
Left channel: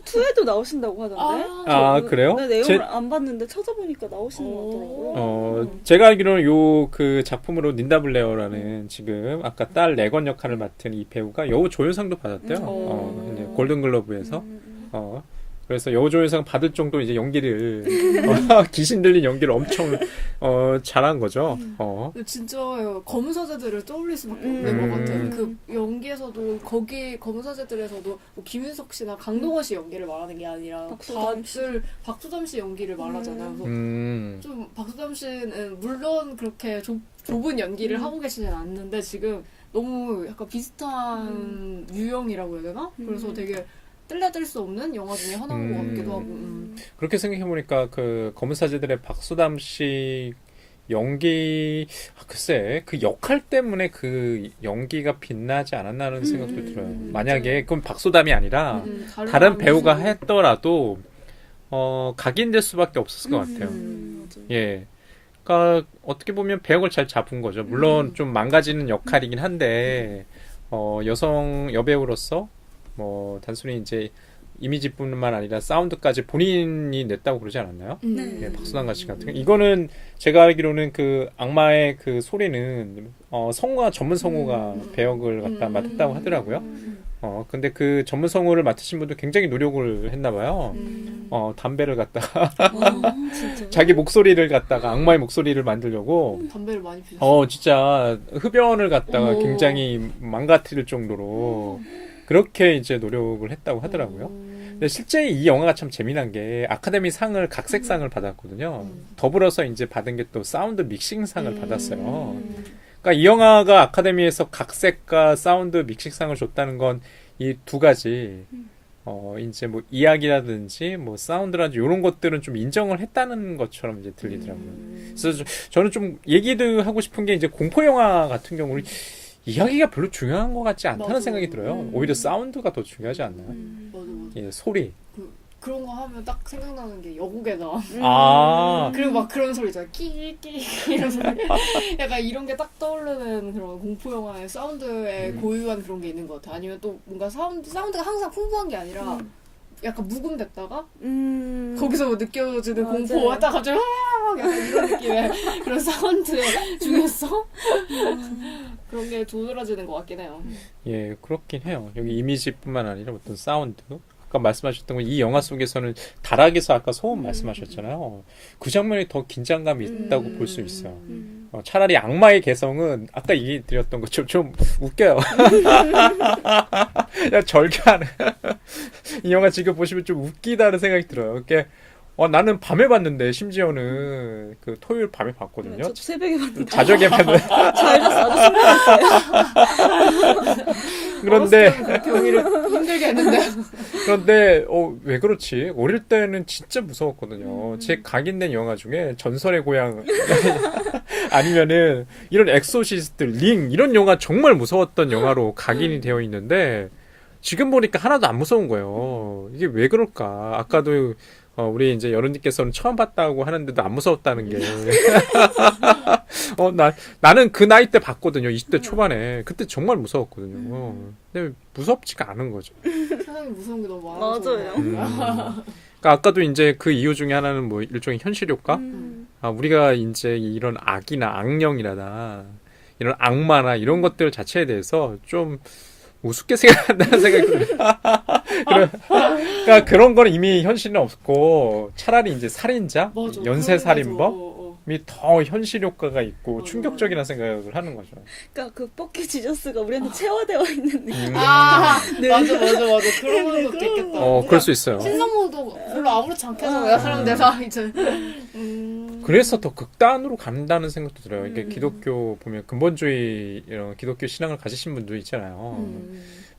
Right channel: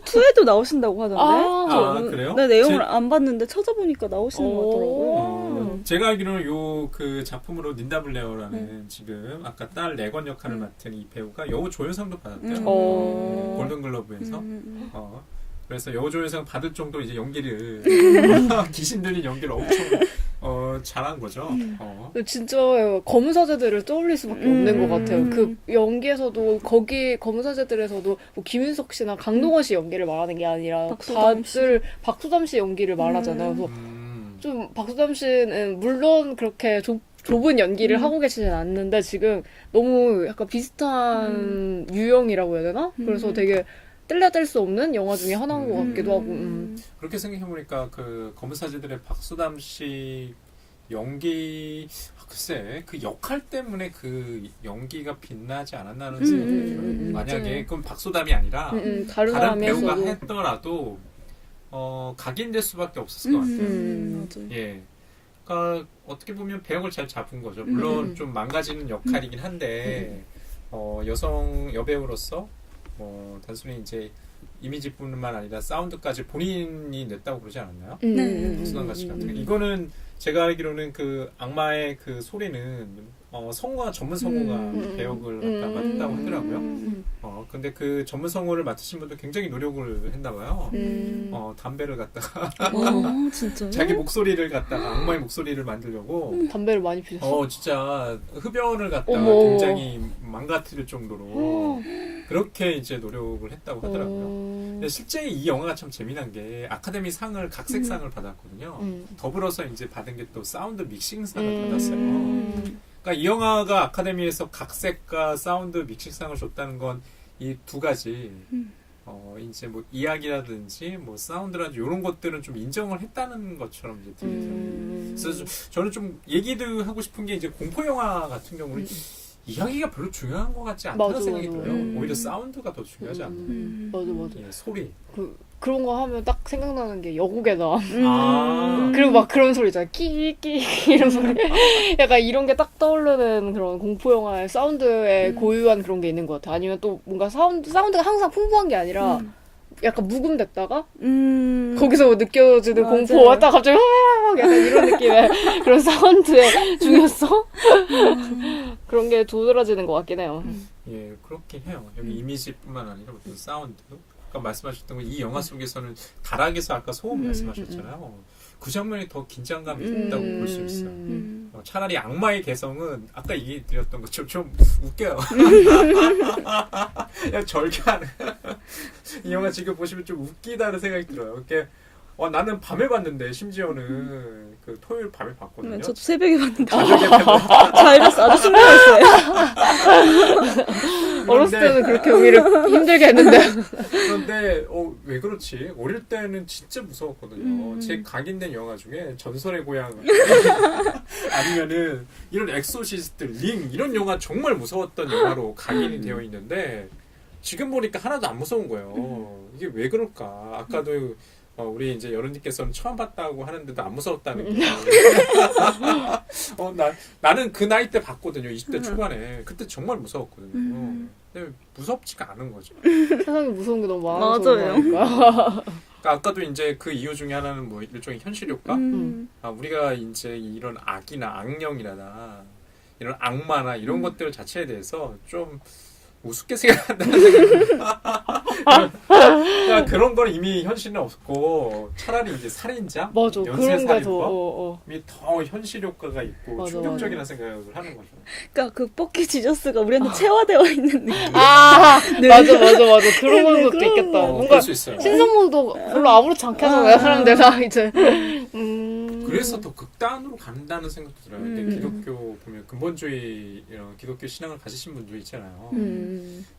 투에도 나오신다고 하던데. 아, 그래요? 네, 내용을 제- 안 봤는데 찾아보니까 나오시는 것 오. 같더라고요. 제가 알기로는 요 그 작품으로 닌다 블레어라는 지금 아까 딸 레건 역할을 맡은 이 배우가 여우 조연상도 받았대요. 이제 골든글러브에서. 그래서 여우 조연상 받을 정도 이제 연기를 귀신 들린 연기를 엄청 잘한 거죠. 근데 진짜 검사제들을 떠올릴 수밖에 없는 것 같아요. 그 연기에서도 거기 검사제들에서도 뭐 김윤석 씨나 강동원 씨 연기를 말하는 게 아니라 박수담 씨. 다들 박수담 씨 연기를 말하잖아요. 그래서 좀 박수담 씨는 물론 그렇게 좁은 연기를 하고 계시진 않는데 지금 너무 약간 비슷한 유형이라고 해야 되나? 그래서 되게 뗄래야 수 없는 영화 중에 하나인 것 같기도 하고. 그렇게 생각해보니까 그 검은사제들의 박수담 씨 연기 글쎄 그 역할 때문에 그 연기가 빛나지 않았나는 생각도 들어요. 만약에 그럼 박수담이 아니라 다른 배우가 사람에서. 했더라도 각인될 수밖에 없었을 것 같아요. 맞아요. 예. 그러니까 어떻게 보면 배역을 잘 잡은 거죠. 물론 좀 망가지는 역할이긴 한데 여성 여배우로서 뭐 단순히 이제 이미지뿐만 아니라 사운드까지 본인이 냈다고 그러지 않았나요? 네, 박수담 같이 같은 거. 이거는 제가 알기로는 그 악마의 그 소리는 성우가 전문 성우가 배역을 갖다 맡았다고 하더라고요. 근데 그 전문 성우를 맡으신 분도 굉장히 노력을 했나 봐요. 담배를 갖다가 진짜. 자기 목소리를 갖다가 악마의 목소리를 만들려고 담배를 많이 피셨어요. 진짜 흡연을 갖다가 어머. 굉장히 망가뜨릴 정도로 그렇게 이제 노력을 했다고 하더라고요. 근데 실제 이 영화가 참 재미난 게 아카데미 상을 각색상을 받았거든요. 더불어서 이제 받은 게 또 사운드 믹싱상을 받았어요. 그러니까 이 영화가 아카데미에서 각색과 사운드 믹싱상을 줬다는 건 이 두 가지 이제 뭐 이야기라든지 뭐 사운드라든지 이런 것들은 좀 인정을 했다는 것처럼 이제 들리더라고요. 그래서 저는 좀 얘기도 하고 싶은 게 이제 공포 영화 같은 경우는 이야기가 별로 중요한 것 같지 않다는 맞아. 생각이 들어요. 오히려 사운드가 더 중요하지 않나요? 맞아. 예, 소리. 그런 거 하면 딱 생각나는 게 여국에다. 아, 그리고 막 그런 소리 있잖아. 끼끼 이런 소리. 약간 이런 게 딱 떠오르는 그런 공포 영화의 사운드에 고유한 그런 게 있는 것 같아. 아니면 또 뭔가 사운드가 항상 풍부한 게 아니라 약간 묵음됐다가 거기서 느껴지는 맞아요. 공포 왔다 갑자기 확 약간 이런 느낌의 그런 사운드의 중요성 그런 게 도드라지는 것 같긴 해요. 예, 그렇긴 해요. 여기 이미지뿐만 아니라 어떤 사운드. 아까 말씀하셨던 건 이 영화 속에서는 다락에서 아까 소음 말씀하셨잖아요. 그 장면이 더 긴장감이 있다고 볼 수 있어요. 차라리 악마의 개성은 아까 얘기 드렸던 것처럼 좀 웃겨요. 야, 절개하네. 이 영화 지금 보시면 좀 웃기다는 생각이 들어요. 이게 나는 밤에 봤는데 심지어는 그 토요일 밤에 봤거든요. 저도 새벽에 봤는데. 가족에 봤는데 잘 봤어. 아주 신기했어요. 어렸을 그런데 때는 그렇게 오히려 힘들게 했는데 그런데 왜 그렇지? 어릴 때는 진짜 무서웠거든요. 제 각인된 영화 중에 전설의 고향 아니면은 이런 엑소시스트, 링 이런 영화 정말 무서웠던 영화로 각인이 되어 있는데 지금 보니까 하나도 안 무서운 거예요. 이게 왜 그럴까? 아까도 우리 이제 여론님께서는 처음 봤다고 하는데도 안 무서웠다는 게. 나는 그 나이 때 봤거든요. 20대 초반에. 그때 정말 무서웠거든요. 근데 무섭지가 않은 거죠. 세상에 무서운 게 너무 많아서 맞아요. 그런 거야. 그러니까 아까도 이제 그 이유 중에 하나는 뭐 일종의 현실 효과? 우리가 이제 이런 악이나 악령이라나 이런 악마나 이런 것들 자체에 대해서 좀 우습게 생각한다는 생각이 들어요. 그러니까 그런 거는 이미 현실은 없고 차라리 이제 살인자, 맞아. 연쇄살인범이 더 현실 효과가 있고 맞아, 충격적이라는 생각을 하는 거죠. 그러니까 그 뻑키 지저스가 우리한테 체화되어 있는 느낌. 아 맞아. 그런 것도 있겠다. 뭔가 그럴 수 있어요. 신성모도 별로 아무렇지 않게 하잖아요. 사람들 다 이제. 그래서 더 극단으로 간다는 생각도 들어요. 이게 기독교 보면 근본주의 이런 기독교 신앙을 가지신 분도 있잖아요.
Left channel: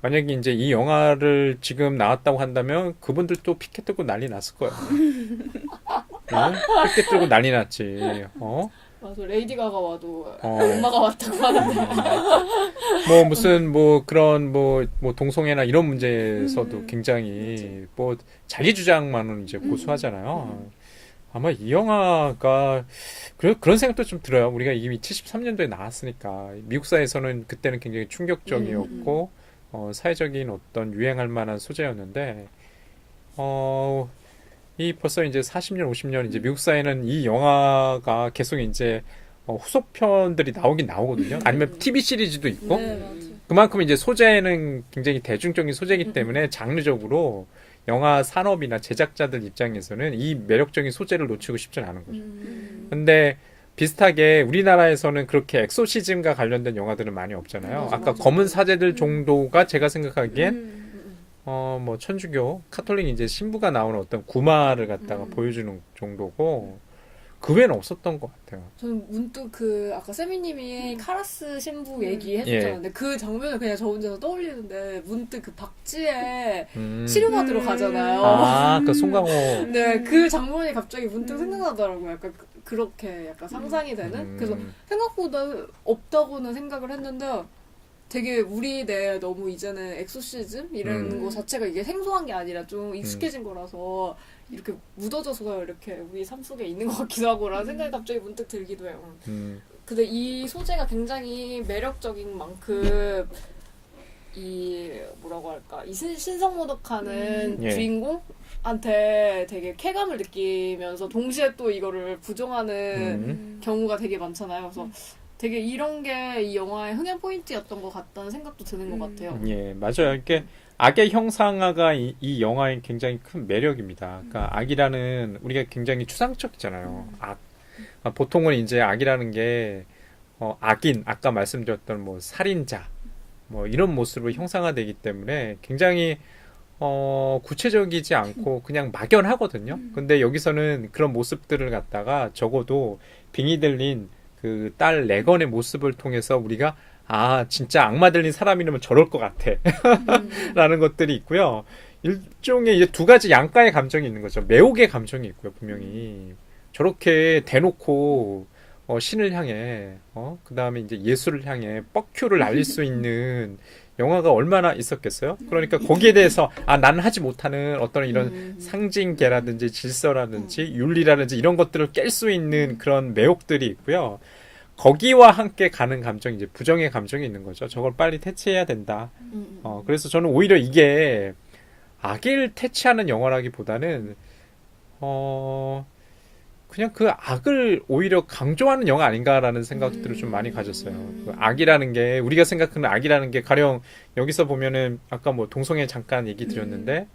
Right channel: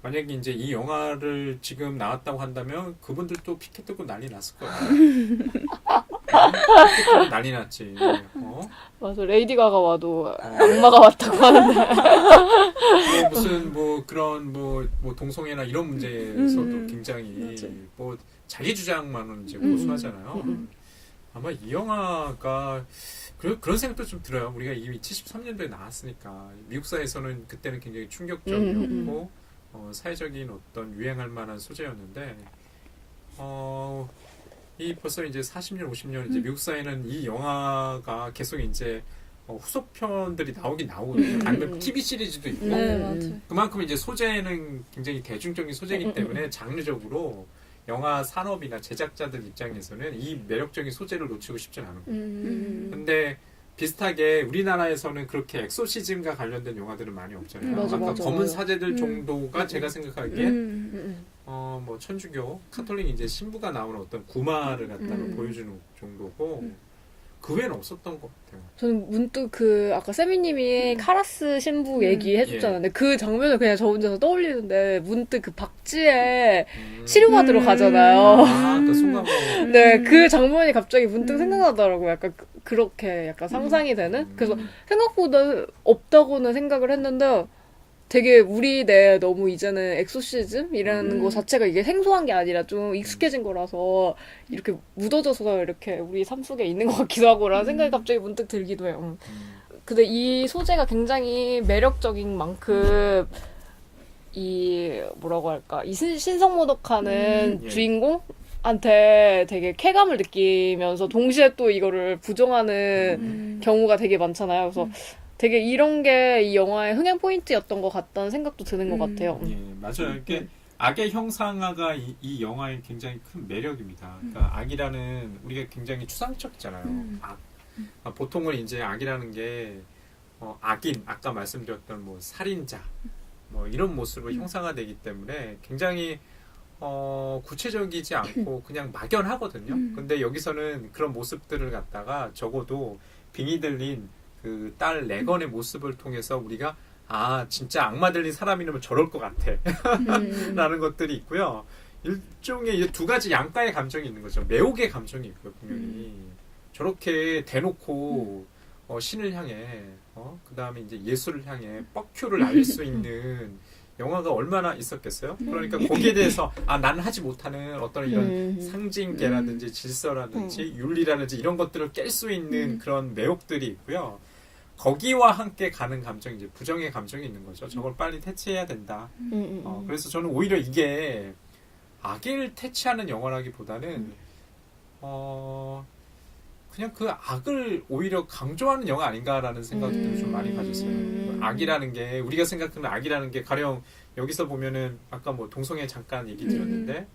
만약에 이제 이 영화를 지금 나왔다고 한다면 그분들도 피켓 들고 난리 났을 거예요. 피켓 들고 난리 났지. 맞아. 레이디 가가 와도 엄마가 왔다고 하는데. 뭐 무슨 뭐 그런 뭐 동성애나 이런 문제에서도 굉장히 뭐 자기 주장만은 이제 고수하잖아요. 아마 이 영화가 그런 생각도 좀 들어요. 우리가 이미 73년도에 나왔으니까 미국사에서는 그때는 굉장히 충격적이었고 사회적인 어떤 유행할 만한 소재였는데 이 벌써 이제 40년, 50년 이제 미국사에는 이 영화가 계속 이제 후속편들이 나오긴 나오거든요. 아니면 TV 시리즈도 있고 그만큼 이제 소재는 굉장히 대중적인 소재이기 때문에 장르적으로 영화 산업이나 제작자들 입장에서는 이 매력적인 소재를 놓치고 싶진 않은 거죠. 근데 비슷하게 우리나라에서는 그렇게 엑소시즘과 관련된 영화들은 많이 없잖아요. 맞아, 아까 맞아. 검은 사제들 정도가 제가 생각하기엔 뭐 천주교 카톨릭 이제 신부가 나오는 어떤 구마를 갖다가 보여주는 정도고 그 외에는 없었던 것 같아요. 저는 문득 아까 세미님이 카라스 신부 얘기해줬잖아요. 예. 근데 그 장면을 그냥 저 혼자서 떠올리는데 문득 그 박쥐에 치료받으러 가잖아요. 그 송강호. 네, 그 장면이 갑자기 문득 생각나더라고요. 약간 그렇게 약간 상상이 되는? 그래서 생각보다 없다고는 생각을 했는데 되게 우리 내에 너무 이제는 엑소시즘이라는 거 자체가 이게 생소한 게 아니라 좀 익숙해진 거라서 이렇게 묻어져서 이렇게 우리 삶 속에 있는 것 같기도 하고라는 생각이 갑자기 문득 들기도 해요. 근데 이 소재가 굉장히 매력적인 만큼 뭐라고 할까, 이 신성모독하는 예. 주인공한테 되게 쾌감을 느끼면서 동시에 또 이거를 부정하는 경우가 되게 많잖아요. 그래서 되게 이런 게 이 영화의 흥행 포인트였던 것 같다는 생각도 드는 것 같아요. 예, 맞아요. 이게 악의 형상화가 이 영화의 굉장히 큰 매력입니다. 그러니까 악이라는 우리가 굉장히 추상적이잖아요. 악. 보통은 이제 악이라는 게 악인, 아까 말씀드렸던 뭐 살인자, 뭐 이런 모습으로 형상화되기 때문에 굉장히 구체적이지 않고 그냥 막연하거든요. 근데 여기서는 그런 모습들을 갖다가 적어도 빙의 들린 그 딸 레건의 모습을 통해서 우리가 진짜 악마 들린 사람이라면 저럴 것 같아 라는 것들이 있고요. 일종의 이제 두 가지 양가의 감정이 있는 거죠. 매혹의 감정이 있고요, 분명히. 저렇게 대놓고 신을 향해 그 다음에 이제 예수를 향해 뻑큐를 날릴 수 있는 영화가 얼마나 있었겠어요? 그러니까 거기에 대해서 나는 하지 못하는 어떤 이런 상징계라든지 질서라든지 윤리라든지 이런 것들을 깰 수 있는 그런 매혹들이 있고요. 거기와 함께 가는 감정이 이제 부정의 감정이 있는 거죠. 저걸 빨리 퇴치해야 된다. 그래서 저는 오히려 이게 악을 퇴치하는 영화라기보다는 그냥 그 악을 오히려 강조하는 영화 아닌가라는 생각들을 좀 많이 가졌어요. 그 악이라는 게 우리가 생각하는 악이라는 게 가령 여기서 보면은 아까 뭐 동성애 잠깐 얘기 드렸는데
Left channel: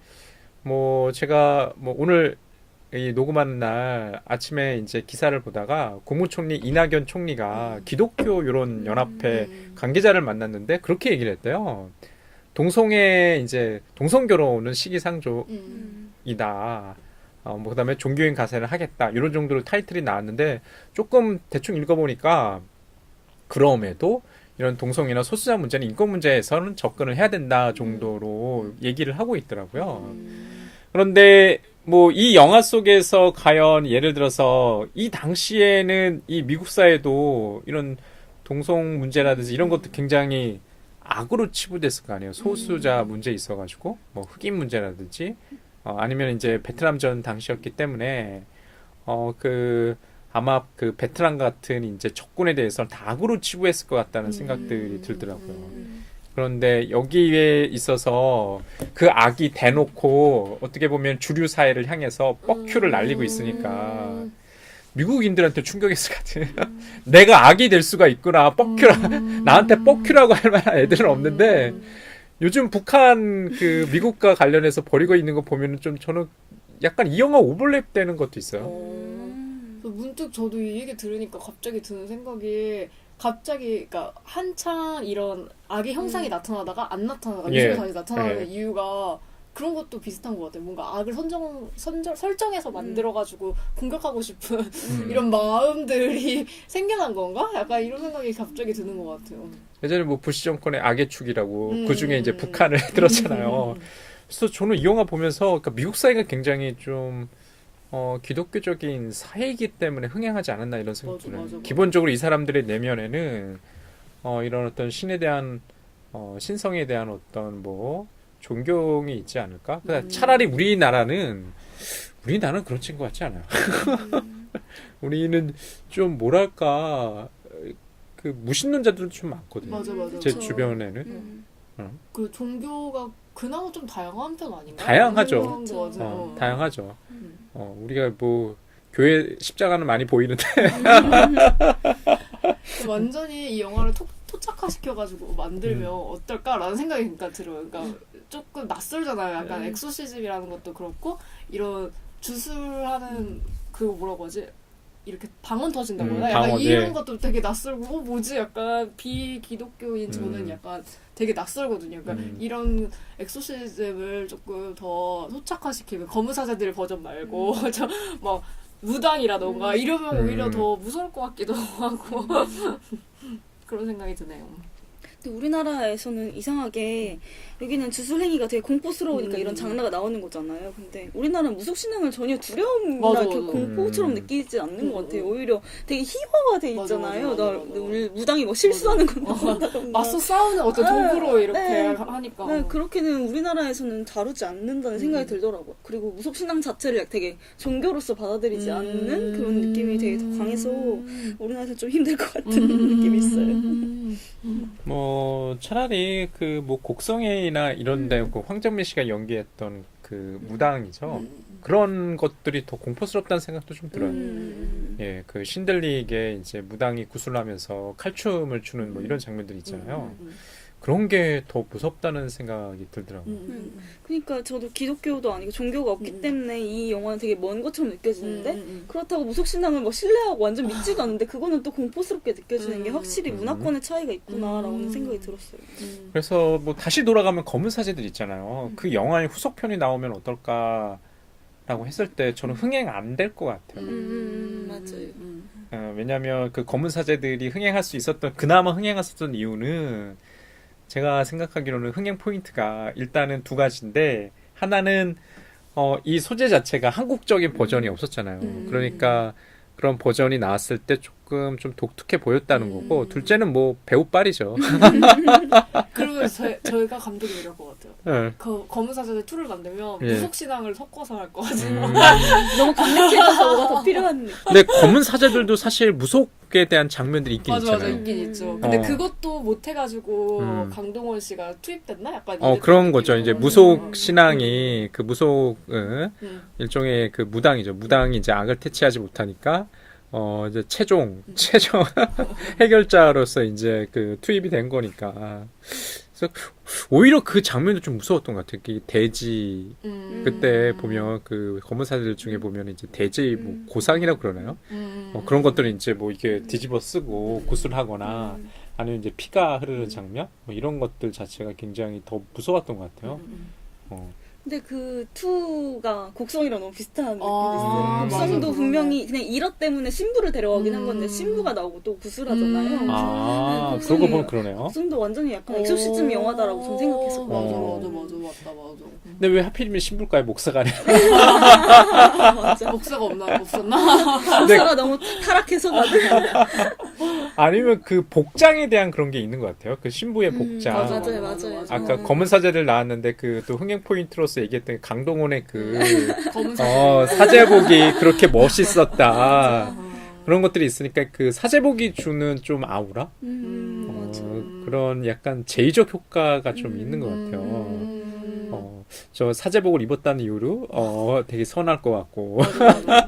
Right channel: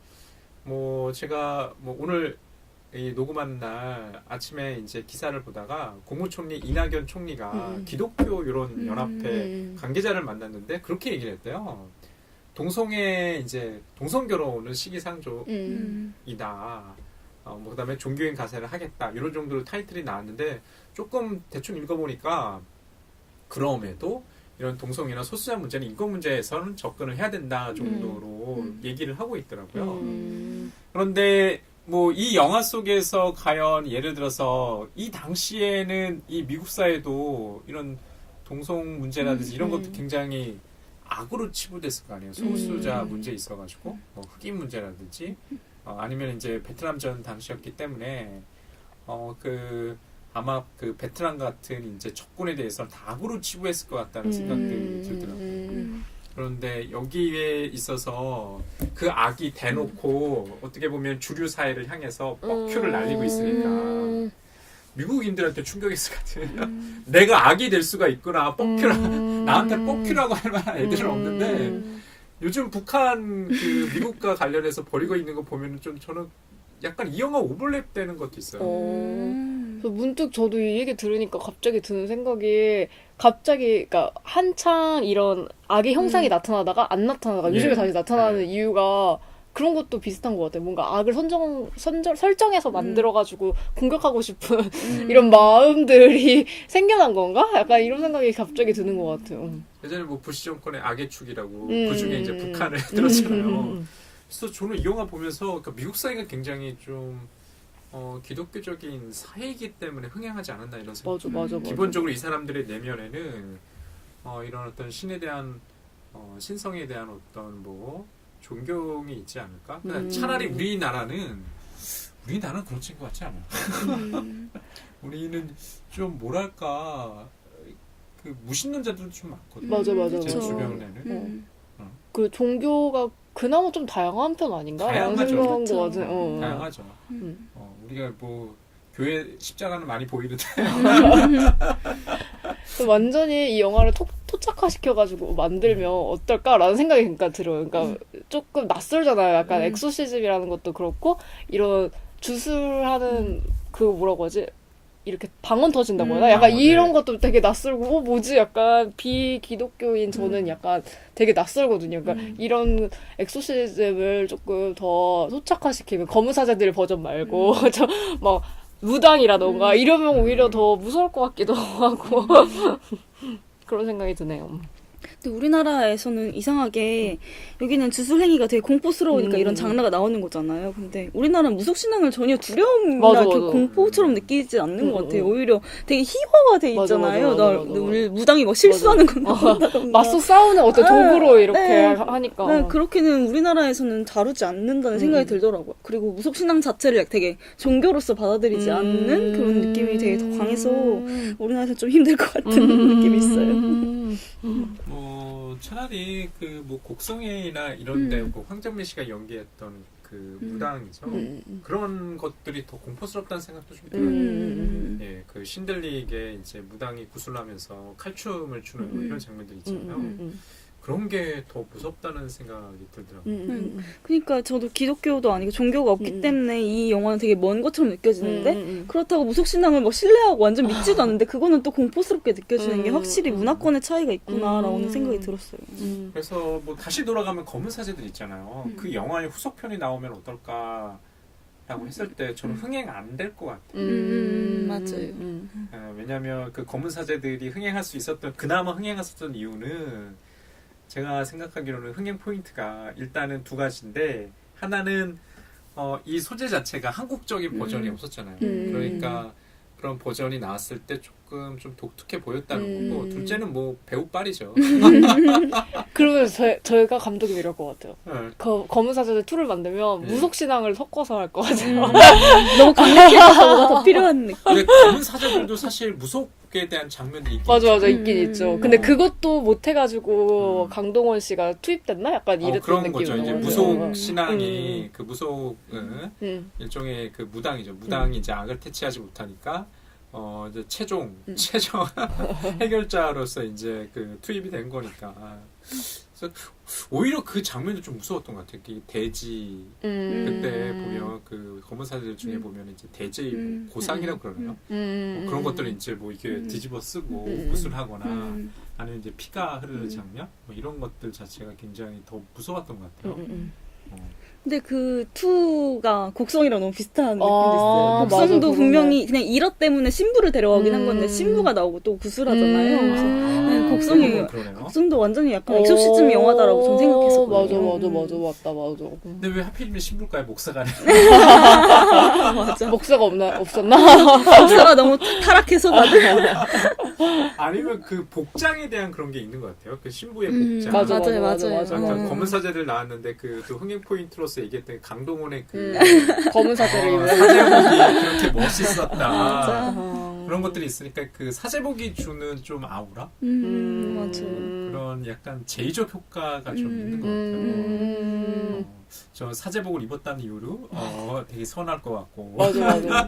뭐 제가 뭐 오늘 이 녹음하는 날 아침에 이제 기사를 보다가 국무총리 이낙연 총리가 기독교 이런 연합회 관계자를 만났는데 그렇게 얘기를 했대요. 동성애 이제 동성결혼은 시기상조이다. 뭐 그다음에 종교인 가세를 하겠다 이런 정도로 타이틀이 나왔는데 조금 대충 읽어보니까 그럼에도 이런 동성애나 소수자 문제는 인권 문제에서는 접근을 해야 된다 정도로 얘기를 하고 있더라고요. 그런데 뭐 이 영화 속에서 과연 예를 들어서 이 당시에는 이 미국 사회도 이런 동성 문제라든지 이런 것도 굉장히 악으로 치부됐을 거 아니에요. 소수자 문제 있어가지고 뭐 흑인 문제라든지 아니면 이제 베트남전 당시였기 때문에 아마 그 베트남 같은 이제 적군에 대해서는 다 악으로 치부했을 것 같다는 생각들이 들더라고요. 그런데 여기에 있어서 그 악이 대놓고 어떻게 보면 주류 사회를 향해서 뻑큐를 날리고 있으니까 미국인들한테 충격이었을 것 같아요. 내가 악이 될 수가 있구나. 나한테 뻑큐라고 할 만한 애들은 없는데 요즘 북한 그 미국과 관련해서 벌이고 있는 거 보면은 좀 저는 약간 이 영화 오버랩 되는 것도 있어요. 문득 저도 이 얘기 들으니까 갑자기 드는 생각이 그러니까 한창 이런 악의 형상이 나타나다가 안 나타나다가 요즘에 다시 나타나는 이유가 그런 것도 비슷한 것 같아요. 뭔가 악을 설정해서 만들어가지고 공격하고 싶은 이런 마음들이 생겨난 건가? 약간 이런 생각이 갑자기 드는 것 같아요. 예전에 뭐 부시 정권의 악의 축이라고 그 중에 이제 북한을 들었잖아요. 그래서 저는 이 영화 보면서 그러니까 미국 사회가 굉장히 좀 기독교적인 사회이기 때문에 흥행하지 않았나 이런 생각이 들어요. 기본적으로 이 사람들의 내면에는 이런 어떤 신에 대한 신성에 대한 어떤 뭐 존경이 있지 않을까? 차라리 우리나라는 우리나라는 그런 친구 같지 않아요. 우리는 좀 뭐랄까 그 무신론자들도 좀 많거든요. 맞아. 제 주변에는. 그 종교가 그나마 좀 다양한 편 아닌가? 다양하죠. 그런 거 같아. 다양하죠. 우리가 뭐 교회 십자가는 많이 보이는데 완전히 이 영화를 토착화시켜가지고 만들면 어떨까라는 생각이 그러니까 들어요. 그러니까 조금 낯설잖아요. 약간 엑소시즘이라는 것도 그렇고 이런 주술하는 그 뭐라고 하지? 이렇게 방언 터진다고 하나? 약간 방언, 이런 예. 것도 되게 낯설고 뭐지? 약간 비기독교인 저는 약간 되게 낯설거든요. 그러니까 이런 엑소시즘을 조금 더 토착화시키면 검은사제들 버전 말고 저 막 무당이라던가 이러면 오히려 더 무서울 것 같기도 하고 그런 생각이 드네요. 근데 우리나라에서는 이상하게 여기는 주술행위가 되게 공포스러우니까 이런 장르가 나오는 거잖아요. 근데 우리나라는 무속신앙을 전혀 두려움이나 맞아. 공포처럼 느끼지 않는 것 같아요. 오히려 되게 희화화 돼 맞아, 있잖아요. 맞아. 우리 무당이 막 실수하는 건 맞서 싸우는 어떤 도구로 이렇게 네. 하니까. 네, 그렇게는 우리나라에는 다루지 않는다는 생각이 들더라고요. 그리고 무속신앙 자체를 되게 종교로서 받아들이지 않는 그런 느낌이 되게 더 강해서 우리나라에서 좀 힘들 것 같은 느낌이 있어요. 뭐 차라리 그 뭐 곡성회나 이런데 그 황정민 씨가 연기했던 그 무당이죠. 그런 것들이 더 공포스럽다는 생각도 좀 들어요. 예, 그 신들리게 이제 무당이 구슬하면서 칼춤을 추는 뭐 이런 장면들 있잖아요. 그런 게 더 무섭다는 생각이 들더라고요. 그러니까 저도 기독교도 아니고 종교가 없기 때문에 이 영화는 되게 먼 것처럼 느껴지는데 그렇다고 무속신앙을 뭐 신뢰하고 완전 믿지도 않는데 그거는 또 공포스럽게 느껴지는 게 확실히 문화권의 차이가 있구나라는 생각이 들었어요. 그래서 뭐 다시 돌아가면 검은 사제들 있잖아요. 그 영화의 후속편이 나오면 어떨까라고 했을 때 저는 흥행 안 될 것 같아요. 맞아요. 왜냐하면 그 검은 사제들이 그나마 흥행했었던 이유는 제가 생각하기로는 흥행 포인트가 일단은 두 가지인데 하나는 이 소재 자체가 한국적인 버전이 없었잖아요. 그러니까 그런 버전이 나왔을 때 조금 좀 독특해 보였다는 거고 둘째는 뭐 배우빨이죠. 그러면 저희가 감독이 이럴 것 같아요. 네. 검은사제들 2를 만들면 예. 무속신앙을 섞어서 할 것 같아요. 너무 강력해서 더 필요한 느낌. 근데 검은 사제들도 사실 무속에 대한 장면들이 있긴 맞아, 있잖아요. 있긴 있죠. 근데 어. 그것도 못해가지고 강동원 씨가 투입됐나? 약간 이랬던 그런 거죠. 느낌이 이제 나요. 무속 신앙이 그 무속 일종의 그 무당이죠. 무당이 이제 악을 퇴치하지 못하니까 이제 최종 해결자로서 이제 그 투입이 된 거니까. 그래서 오히려 그 장면도 좀 무서웠던 것 같아요. 그 돼지 그때 보면 그 검은 사제들 중에 보면 이제 돼지 뭐 고상이라고 그러나요? 그런 것들은 이제 뭐 이렇게 뒤집어 쓰고 구슬하거나 아니면 이제 피가 흐르는 장면 뭐 이런 것들 자체가 굉장히 더 무서웠던 것 같아요. 근데 그 2가 곡성이랑 너무 비슷한 아, 느낌이 있어요. 맞아, 곡성도 그러네. 분명히 그냥 일화 때문에 신부를 데려가긴 한 건데 신부가 나오고 또 구슬하잖아요. 그러고 보면 그러네요. 곡성도 완전히 약간 엑소시즘 영화다라고 전 생각했어요. 맞아. 근데 왜 하필이면 신불가에 목사가 아니라 목사가 없었나? 목사가 너무 타락해서 다들 아니면 그 복장에 대한 그런 게 있는 것 같아요. 그 신부의 복장. 맞아. 아까 검은 사제들 나왔는데 그 또 흥행 포인트로서 얘기했던 강동원의 그 검은 사제. 사제복이 그렇게 멋있었다. 그런 것들이 있으니까 그 사제복이 주는 좀 아우라? 그런 약간 제의적 효과가 좀 있는 것 같아요. 저 사제복을 입었다는 이유로 되게 선할 것 같고. 맞아.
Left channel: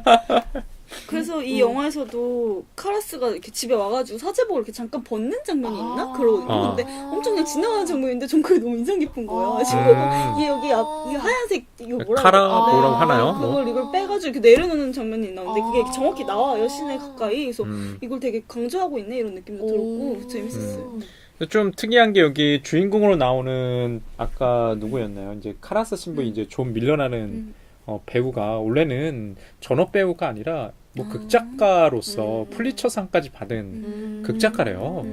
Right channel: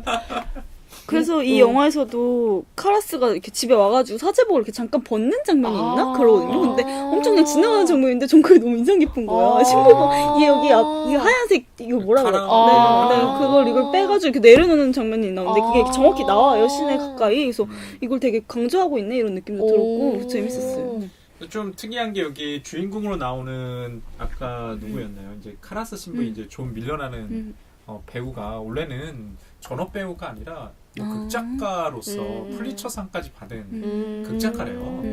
그래서 이 영화에서도 카라스가 이렇게 집에 와가지고 사제복을 이렇게 잠깐 벗는 장면이 있나? 그러거든요. 근데 엄청 그냥 지나가는 장면인데 전 그게 너무 인상 깊은 거야. 신부가 얘 여기 이 하얀색 이거 뭐라고 뭐라고 하나요? 이걸 빼가지고 이렇게 내려놓는 장면이 있나? 근데 그게 정확히 나와요. 시내 가까이. 그래서 이걸 되게 강조하고 있네 이런 느낌도 들었고 재밌었어요. 좀 특이한 게 여기 주인공으로 나오는 아까 누구였나요? 이제 카라스 신부 이제 존 밀러라는 배우가 원래는 전업 배우가 아니라 뭐 극작가로서 플리처상까지 받은 극작가래요.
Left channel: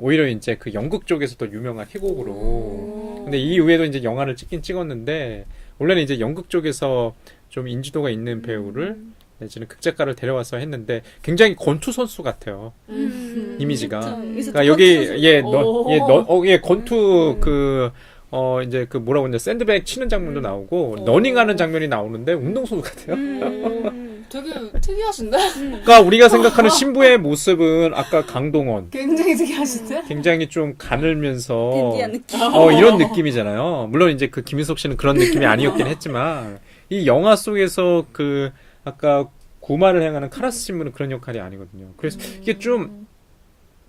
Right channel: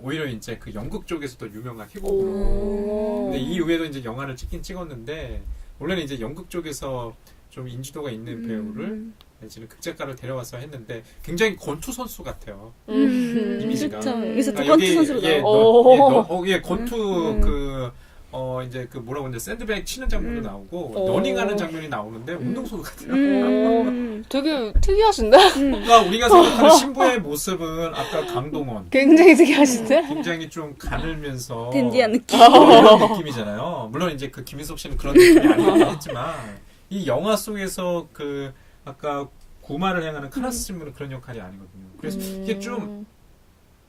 오히려 이제 그 연극 쪽에서 더 유명한 희곡으로. 근데 이 이후에도 이제 영화를 찍었는데 원래는 이제 연극 쪽에서 좀 인지도가 있는 배우를 내지는 극작가를 데려와서 했는데 굉장히 권투 선수 같아요. 이미지가. 그러니까 여기 권투 그 이제 그 뭐라고 하냐 샌드백 치는 장면도 나오고 러닝하는 장면이 나오는데 운동선수 같아요. 되게 특이하신데? 그러니까 우리가 생각하는 신부의 모습은 아까 강동원 굉장히 특이하신데? 굉장히 좀 가늘면서 댄디한 느낌. 이런 느낌이잖아요. 물론 이제 그 김인석 씨는 그런 느낌이 아니었긴 했지만 이 영화 속에서 그 아까 구마를 행하는 카라스 신부는 그런 역할이 아니거든요. 그래서 이게 좀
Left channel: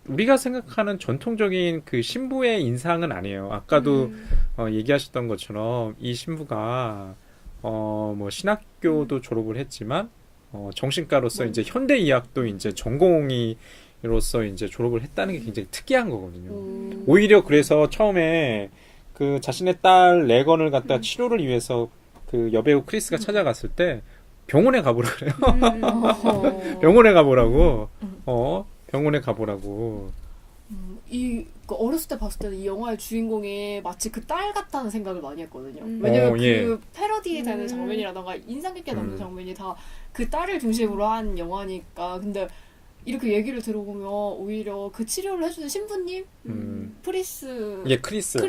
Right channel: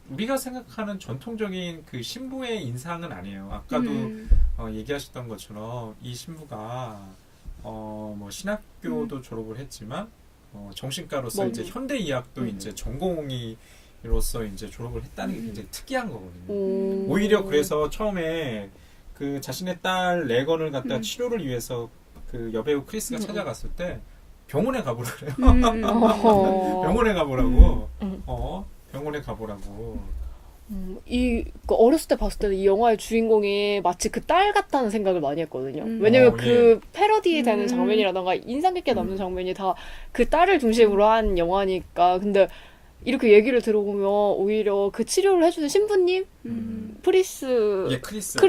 우리가 생각하는 전통적인 그 신부의 인상은 아니에요. 아까도 얘기하셨던 것처럼 이 신부가 뭐 신학교도 졸업을 했지만 정신과로서 이제 현대의학도 이제 전공의로서 이제 졸업을 했다는 게 굉장히 특이한 거거든요. 오히려 그래서 처음에 그 자신의 딸 레건을 갖다 치료를 위해서 그 여배우 크리스가 찾아갔을 때 병원에 가보라 그래요. 병원에 가보라고. 병원에 가보라고. 그 어렸을 때 봤을 때는 이 영화의 주인공이 마치 그 딸 같다는 생각을 많이 했거든요. 왜냐면 그 예. 패러디 되는 장면이라던가 인상 깊게 남는 장면이 다 그 딸을 중심으로 한 영화니까. 근데 이렇게 얘기를 들어보면 오히려 그 치료를 해주는 신부님? 프리스. 예, 크리스.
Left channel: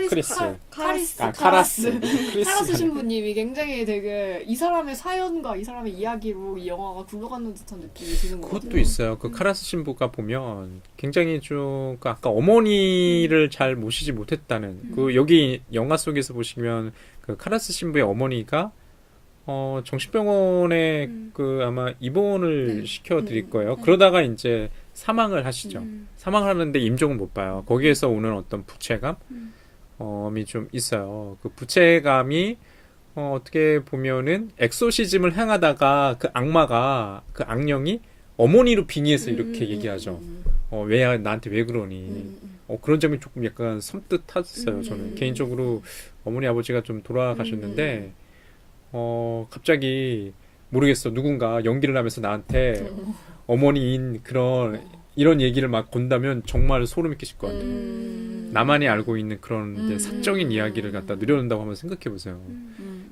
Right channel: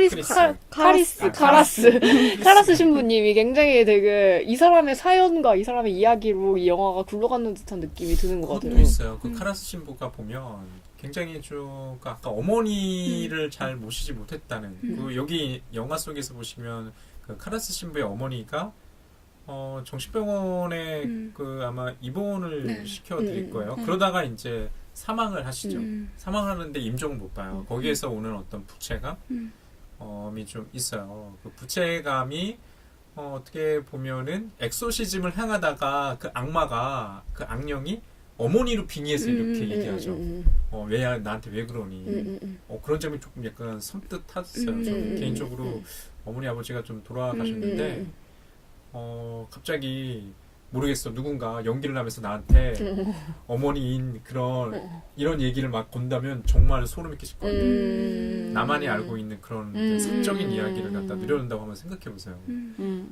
카라스 신부님이 굉장히 되게 이 사람의 사연과 이 사람의 이야기로 이 영화가 굴러가는 듯한 느낌이 드는 것 같아요. 그것도 있어요. 그 카라스 신부가 보면 굉장히 좀그 아까 어머니를 잘 모시지 못했다는 그 여기 영화 속에서 보시면 그 카라스 신부의 어머니가 정신병원에 그 아마 입원을 시켜드릴 거예요. 그러다가 이제 사망을 하시죠. 사망을 하는데 임종을 못 봐요. 거기에서 오는 어떤 부채감이 좀 있어요. 그 부채감이 어떻게 보면은 엑소시즘을 향하다가 그 악마가 그 악령이 어머니로 빙의해서 이렇게 얘기하죠. 왜 나한테 왜 그러니? 그런 점이 조금 약간 섬뜩했어요. 저는 개인적으로 어머니 아버지가 좀 돌아가셨는데 갑자기 모르겠어 누군가 연기를 하면서 나한테 어머니인 그런 이런 얘기를 막 건다면 정말 소름이 끼칠 것 같아요. 나만이 알고 있는 그런 이제 사적인 이야기를 갖다 누려낸다고 한번 생각해 보세요.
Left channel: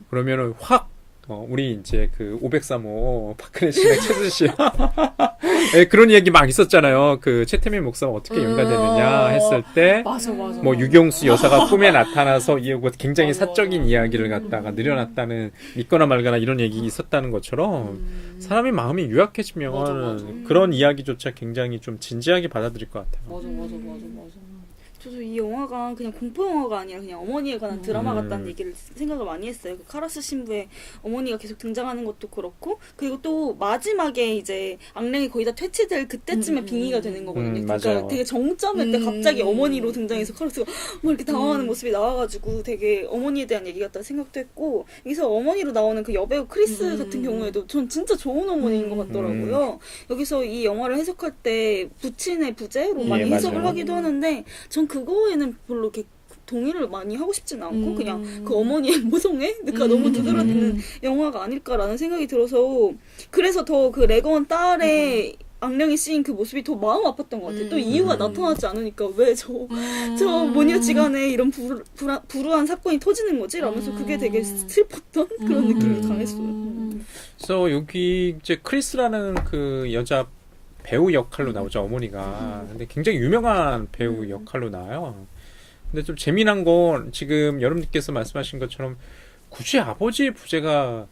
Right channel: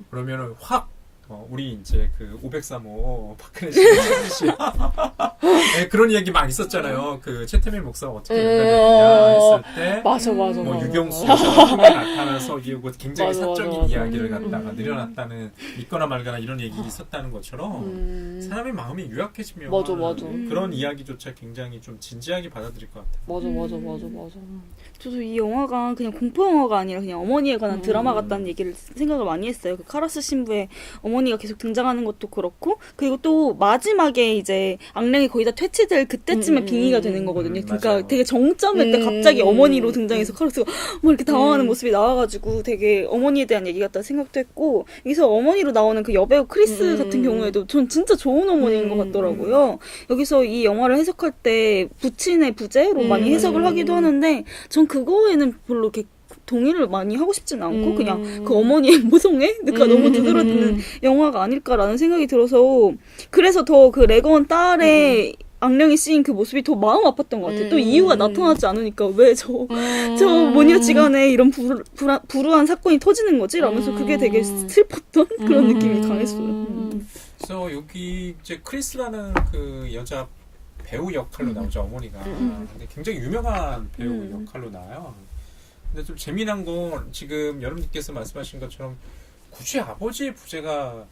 그러면은 확 우리 이제 그 503호 박근혜 씨랑 최수 씨 네, 그런 얘기 막 있었잖아요. 그 최태민 목사가 어떻게 연관되느냐 했을 때 맞아. 뭐 유경수 여사가 꿈에 나타나서 굉장히 맞아, 사적인 맞아. 이야기를 갖다가 늘여놨다는 믿거나 말거나 이런 얘기 있었다는 것처럼 사람이 마음이 유약해지면 맞아. 그런 이야기조차 굉장히 좀 진지하게 받아들일 것 같아요. 맞아. 저도 이 영화가 그냥 공포 영화가 아니라 그냥 어머니에 관한 드라마 같다는 얘기를 생각을 많이 했어요. 그 카라스 신부의 어머니가 계속 등장하는 것도 그렇고, 그리고 또 마지막에 이제 악령이 거의 다 퇴치될 그때쯤에 빙의가 되는 거거든요. 맞아요. 그러니까 되게 정점일 때 갑자기 어머니로 등장해서 카라스가 뭐 이렇게 당황하는 모습이 나와가지고 되게 어머니에 대한 얘기 같다 생각도 했고, 여기서 어머니로 나오는 그 여배우 크리스 같은 경우에도 전 진짜 좋은 어머니인 것 같더라고요. 여기서 이 영화를 해석할 때 부친의 부재로 많이 해석을 맞아요. 하기도 하는데, 전 그거에는 별로 이렇게 동의를 많이 하고 싶지는 않고 그냥 그 어머니의 모성애? 그러니까 너무 두드러지는 영화가 아닐까라는 생각이 들어서, 그래서 더 그 레건 딸의 악령이 씌인 그 모습이 더 마음 아팠던 것 같아요. 또 이유가 나타나지 않으니까 왜 저 모녀지간에 이런 불우한 사건이 터지는 거지? 라면서 그게 되게 슬펐던 그런 느낌이 강했어요. 그래서 여기 이제 크리스라는 그 여자 배우 역할로 나오죠, 어머니가. 근데 굉장히 유명한 배우 역할로 나와요. 근데 좀 재미난 건 지금 여러분께서 말씀하신 것처럼 굳이 아버지의 부재가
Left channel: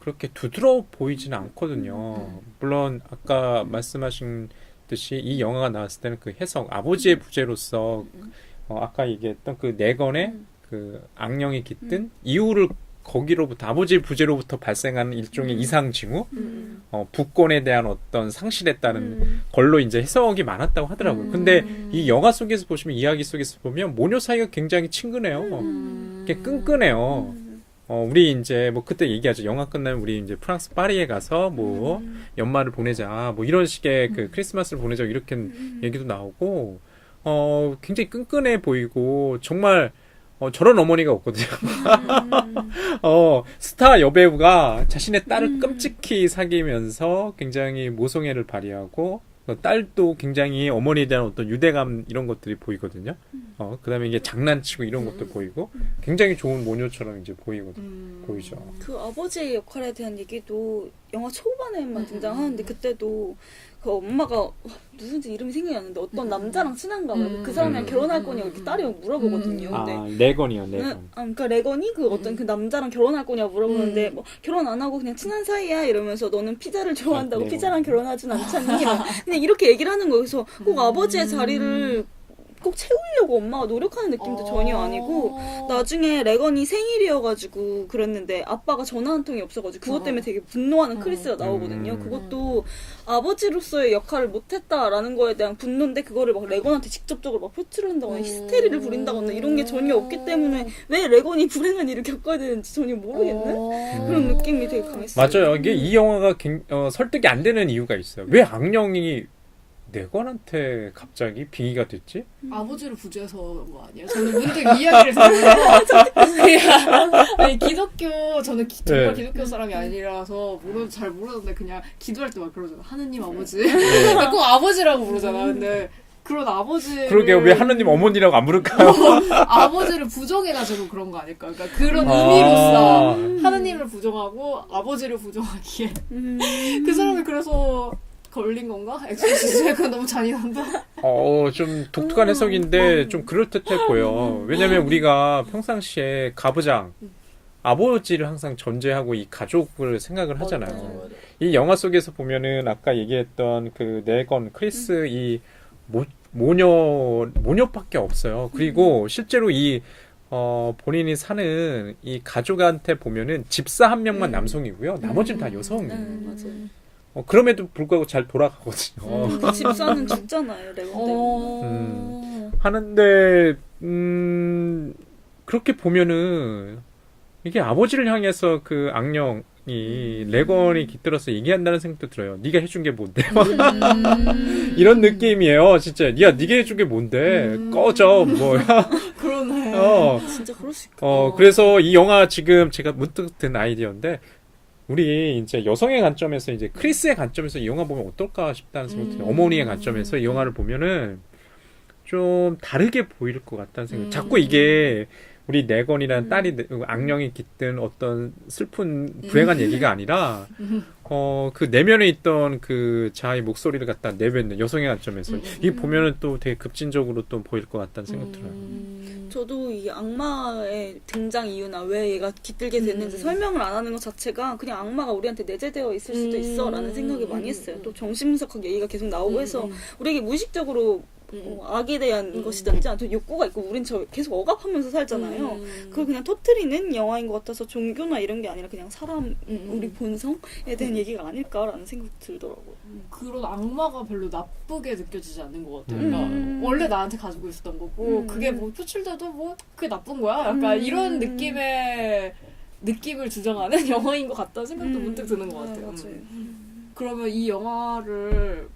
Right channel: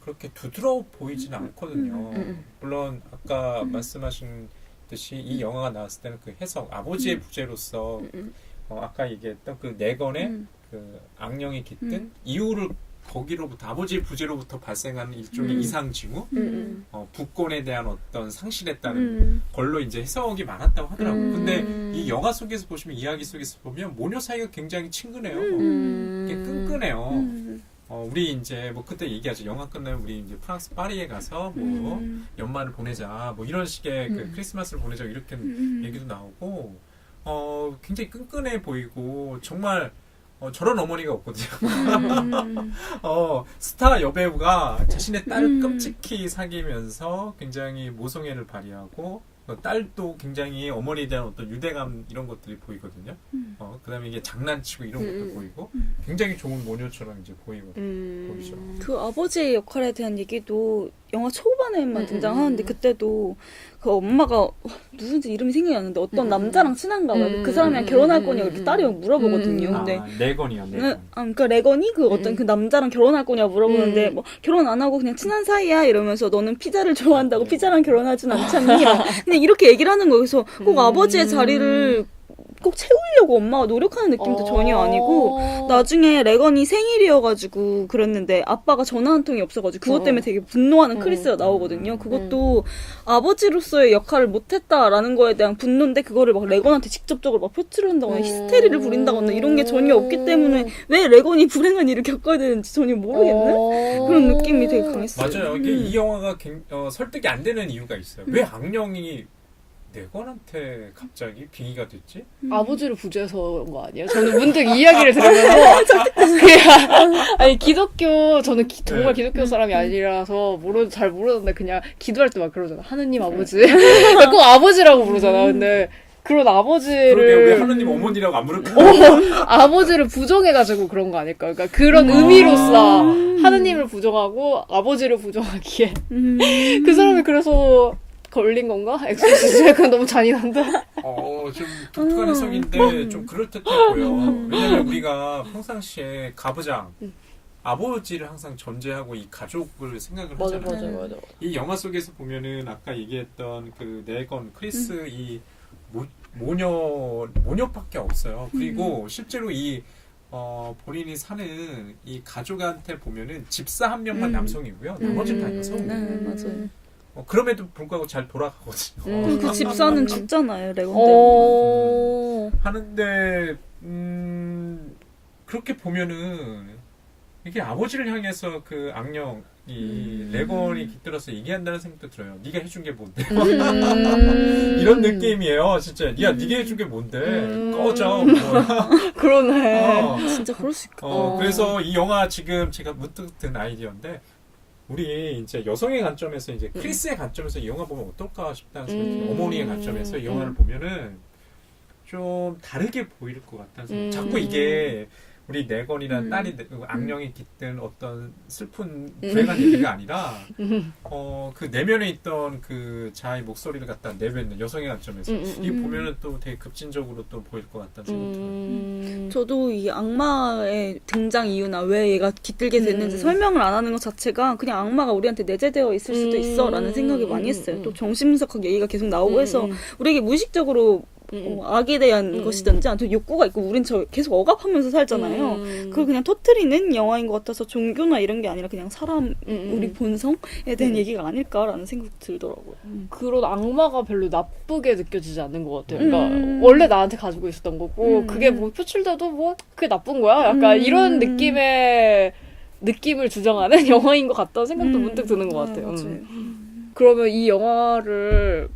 그렇게 두드러워 보이지는 않거든요. 물론 아까 말씀하신 듯이 이 영화가 나왔을 때는 그 해석, 아버지의 부재로서 아까 얘기했던 그 내건의 그 악령이 깃든 이유를 거기로부터 아버지의 부재로부터 발생하는 일종의 이상 징후, 부권에 대한 어떤 상실에 따른 걸로 이제 해석이 많았다고 하더라고요. 근데 이 영화 속에서 보시면 이야기 속에서 보면 모녀 사이가 굉장히 친근해요. 이게 끈끈해요. 우리 이제 뭐 그때 얘기하죠. 영화 끝나면 우리 이제 프랑스 파리에 가서 뭐 연말을 보내자, 뭐 이런 식의 그 크리스마스를 보내자 이렇게 얘기도 나오고, 굉장히 끈끈해 보이고 정말. 저런 어머니가 없거든요. 스타 여배우가 자신의 딸을 끔찍히 사귀면서 굉장히 모성애를 발휘하고, 딸도 굉장히 어머니에 대한 어떤 유대감 이런 것들이 보이거든요. 그 다음에 이게 장난치고 이런 것도 보이고, 굉장히 좋은 모녀처럼 이제 보이죠. 그 아버지의 역할에 대한 얘기도 영화 초반에만 등장하는데, 그때도 그 엄마가 누군지 이름이 생각이 안 나는데 어떤 남자랑 친한가 봐요. 그 사람이랑 음. 결혼할 거냐고 이렇게 딸이 막 물어보거든요. 근데 아, 레건이요, 네, 레건. 그러니까 레건이 그 어떤 그 남자랑 결혼할 거냐 물어보는데 뭐 결혼 안 하고 그냥 친한 사이야 이러면서 너는 피자를 좋아한다고 레건. 피자랑 결혼하진 않잖니. 근데 이렇게 얘기를 하는 거예요. 그래서 꼭 아버지의 자리를 꼭 채우려고 엄마가 노력하는 느낌도 전혀 아니고 나중에 레건이 생일이어가지고 그랬는데 아빠가 전화 한 통이 없어가지고 그것 때문에 되게 분노하는 크리스가 나오거든요. 그것도 아버지로서의 역할을 못했다라는 거에 대한 분노인데 그거를 막 레건한테 직접적으로 막 표출을 한다거나 히스테리를 부린다거나 이런 게 전혀 없기 때문에 왜 레건이 불행한 일을 겪어야 되는지 전혀 모르겠는 그런 느낌이 되게 강했어요. 맞아요. 이게 이 영화가 설득이 안 되는 이유가 있어요. 왜 악령이 네건한테 갑자기 빙의가 됐지? 아버지를 부조해서 그런 거 아니에요? 저는 문득 이야기를 들으면서 그냥 아니 기독교 저는 정말 네. 기독교 사람이 아니라서 잘 모르는데 그냥 기도할 때 막 그러잖아. 하느님 아버지. 그러니까 꼭 아버지라고 부르잖아. 근데 그런 아버지를 그러게요. 왜 하느님 어머니라고 안 부를까? 아버지를 부정해가지고 그런 거 아닐까? 그러니까 그런 아. 의미로서 하느님을 부정하고 아버지를 부정하기에 그 사람이 그래서 걸린 건가? 엑소시스트 그건 너무 잔인한데. 좀 독특한 해석인데 좀 그럴듯해 보여. 왜냐면 우리가 평상시에 가부장, 아버지를 항상 전제하고 이 가족을 생각을 하잖아요. 맞아. 이 영화 속에서 보면은 아까 얘기했던 그 네건, 크리스 이 모녀밖에 없어요. 그리고 실제로 이 본인이 사는 이 가족한테 보면은 집사 한 명만 남성이고요. 나머지는 다 여성이에요. 맞아요. 그럼에도 불구하고 잘 돌아가거든요. 집사는 죽잖아요, 레건은. 하는데 그렇게 보면은 이게 아버지를 향해서 그 악령이 레건이 깃들어서 얘기한다는 생각도 들어요. 네가 해준 게 뭔데? 이런 느낌이에요. 진짜 네가 해준 게 뭔데? 꺼져 뭐야? 그러네. 진짜 그럴 수 있겠다. 그래서 이 영화 지금 제가 문득 든 아이디어인데 우리 이제 여성의 관점에서 이제 크리스의 관점에서 이 영화 보면 어떨까 싶다는 생각이 들어요. 어머니의 관점에서 이 영화를 보면은 좀 다르게 보일 것 같다는 생각. 자꾸 이게 우리 네건이라는 딸이 악령이 깃든 어떤 슬픈 불행한 얘기가 아니라 그 내면에 있던 그 자아의 목소리를 갖다 내뱉는 여성의 관점에서 이 보면은 또 되게 급진적으로 또 보일 것 같다는 생각 들어요. 저도 이 악마의 등장 이유나 왜 얘가 깃들게 됐는지 설명을 안 하는 것 자체가 그냥 악마가 우리한테 내재되어 있을 수도 있어라는 생각을 많이 했어요. 또 정신분석학 얘기가 계속 나오고 해서 우리에게 무의식적으로 악에 대한 것이든지 아무튼 욕구가 있고 우린 계속 억압하면서 살잖아요. 그걸 그냥 터뜨리는 영화인 것 같아서 종교나 이런 게 아니라 그냥 사람 우리 본성에 대한 얘기가 아닐까라는 생각이 들더라고요. 그런 악마가 별로 나쁘게 느껴지지 않는 것 같아요. 그러니까 원래 나한테 가지고 있었던 거고 그게 뭐 표출돼도 뭐 그게 나쁜 거야? 약간 이런 느낌을 주장하는 영화인 것 같다는 생각도 문득 드는 것 같아요. 그러면 이 영화를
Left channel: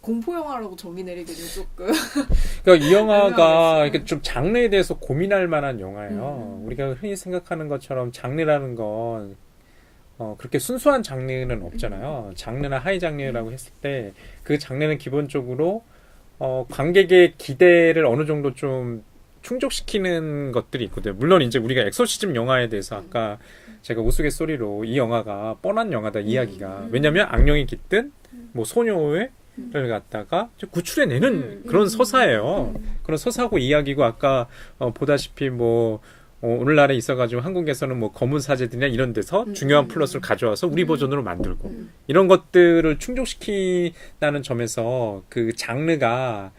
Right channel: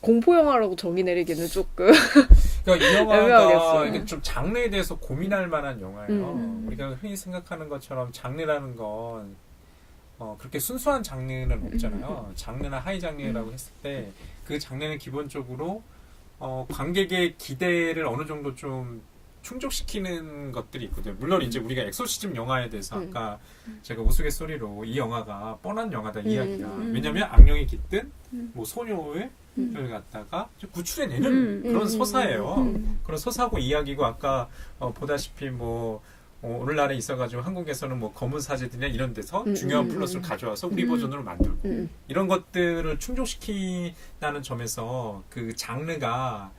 공포 영화라고 정의 내리기는 조금 그러니까 이 영화가 애매하겠어요. 이게 좀 장르에 대해서 고민할 만한 영화예요. 우리가 흔히 생각하는 것처럼 장르라는 건 그렇게 순수한 장르는 없잖아요. 장르나 하이 장르라고 했을 때 그 장르는 기본적으로 관객의 기대를 어느 정도 좀 충족시키는 것들이 있거든요. 물론 이제 우리가 엑소시즘 영화에 대해서 아까 제가 우스갯소리로 이 영화가 뻔한 영화다 이야기가 왜냐면 악령이 깃든 뭐 소녀의 를 갖다가 구출해내는 그런 서사예요. 그런 서사고 이야기고 아까 보다시피 뭐 오늘날에 있어가지고 한국에서는 뭐 검은 사제들이나 이런 데서 중요한 플롯을 가져와서 우리 버전으로 만들고 이런 것들을 충족시킨다는 점에서 그 장르가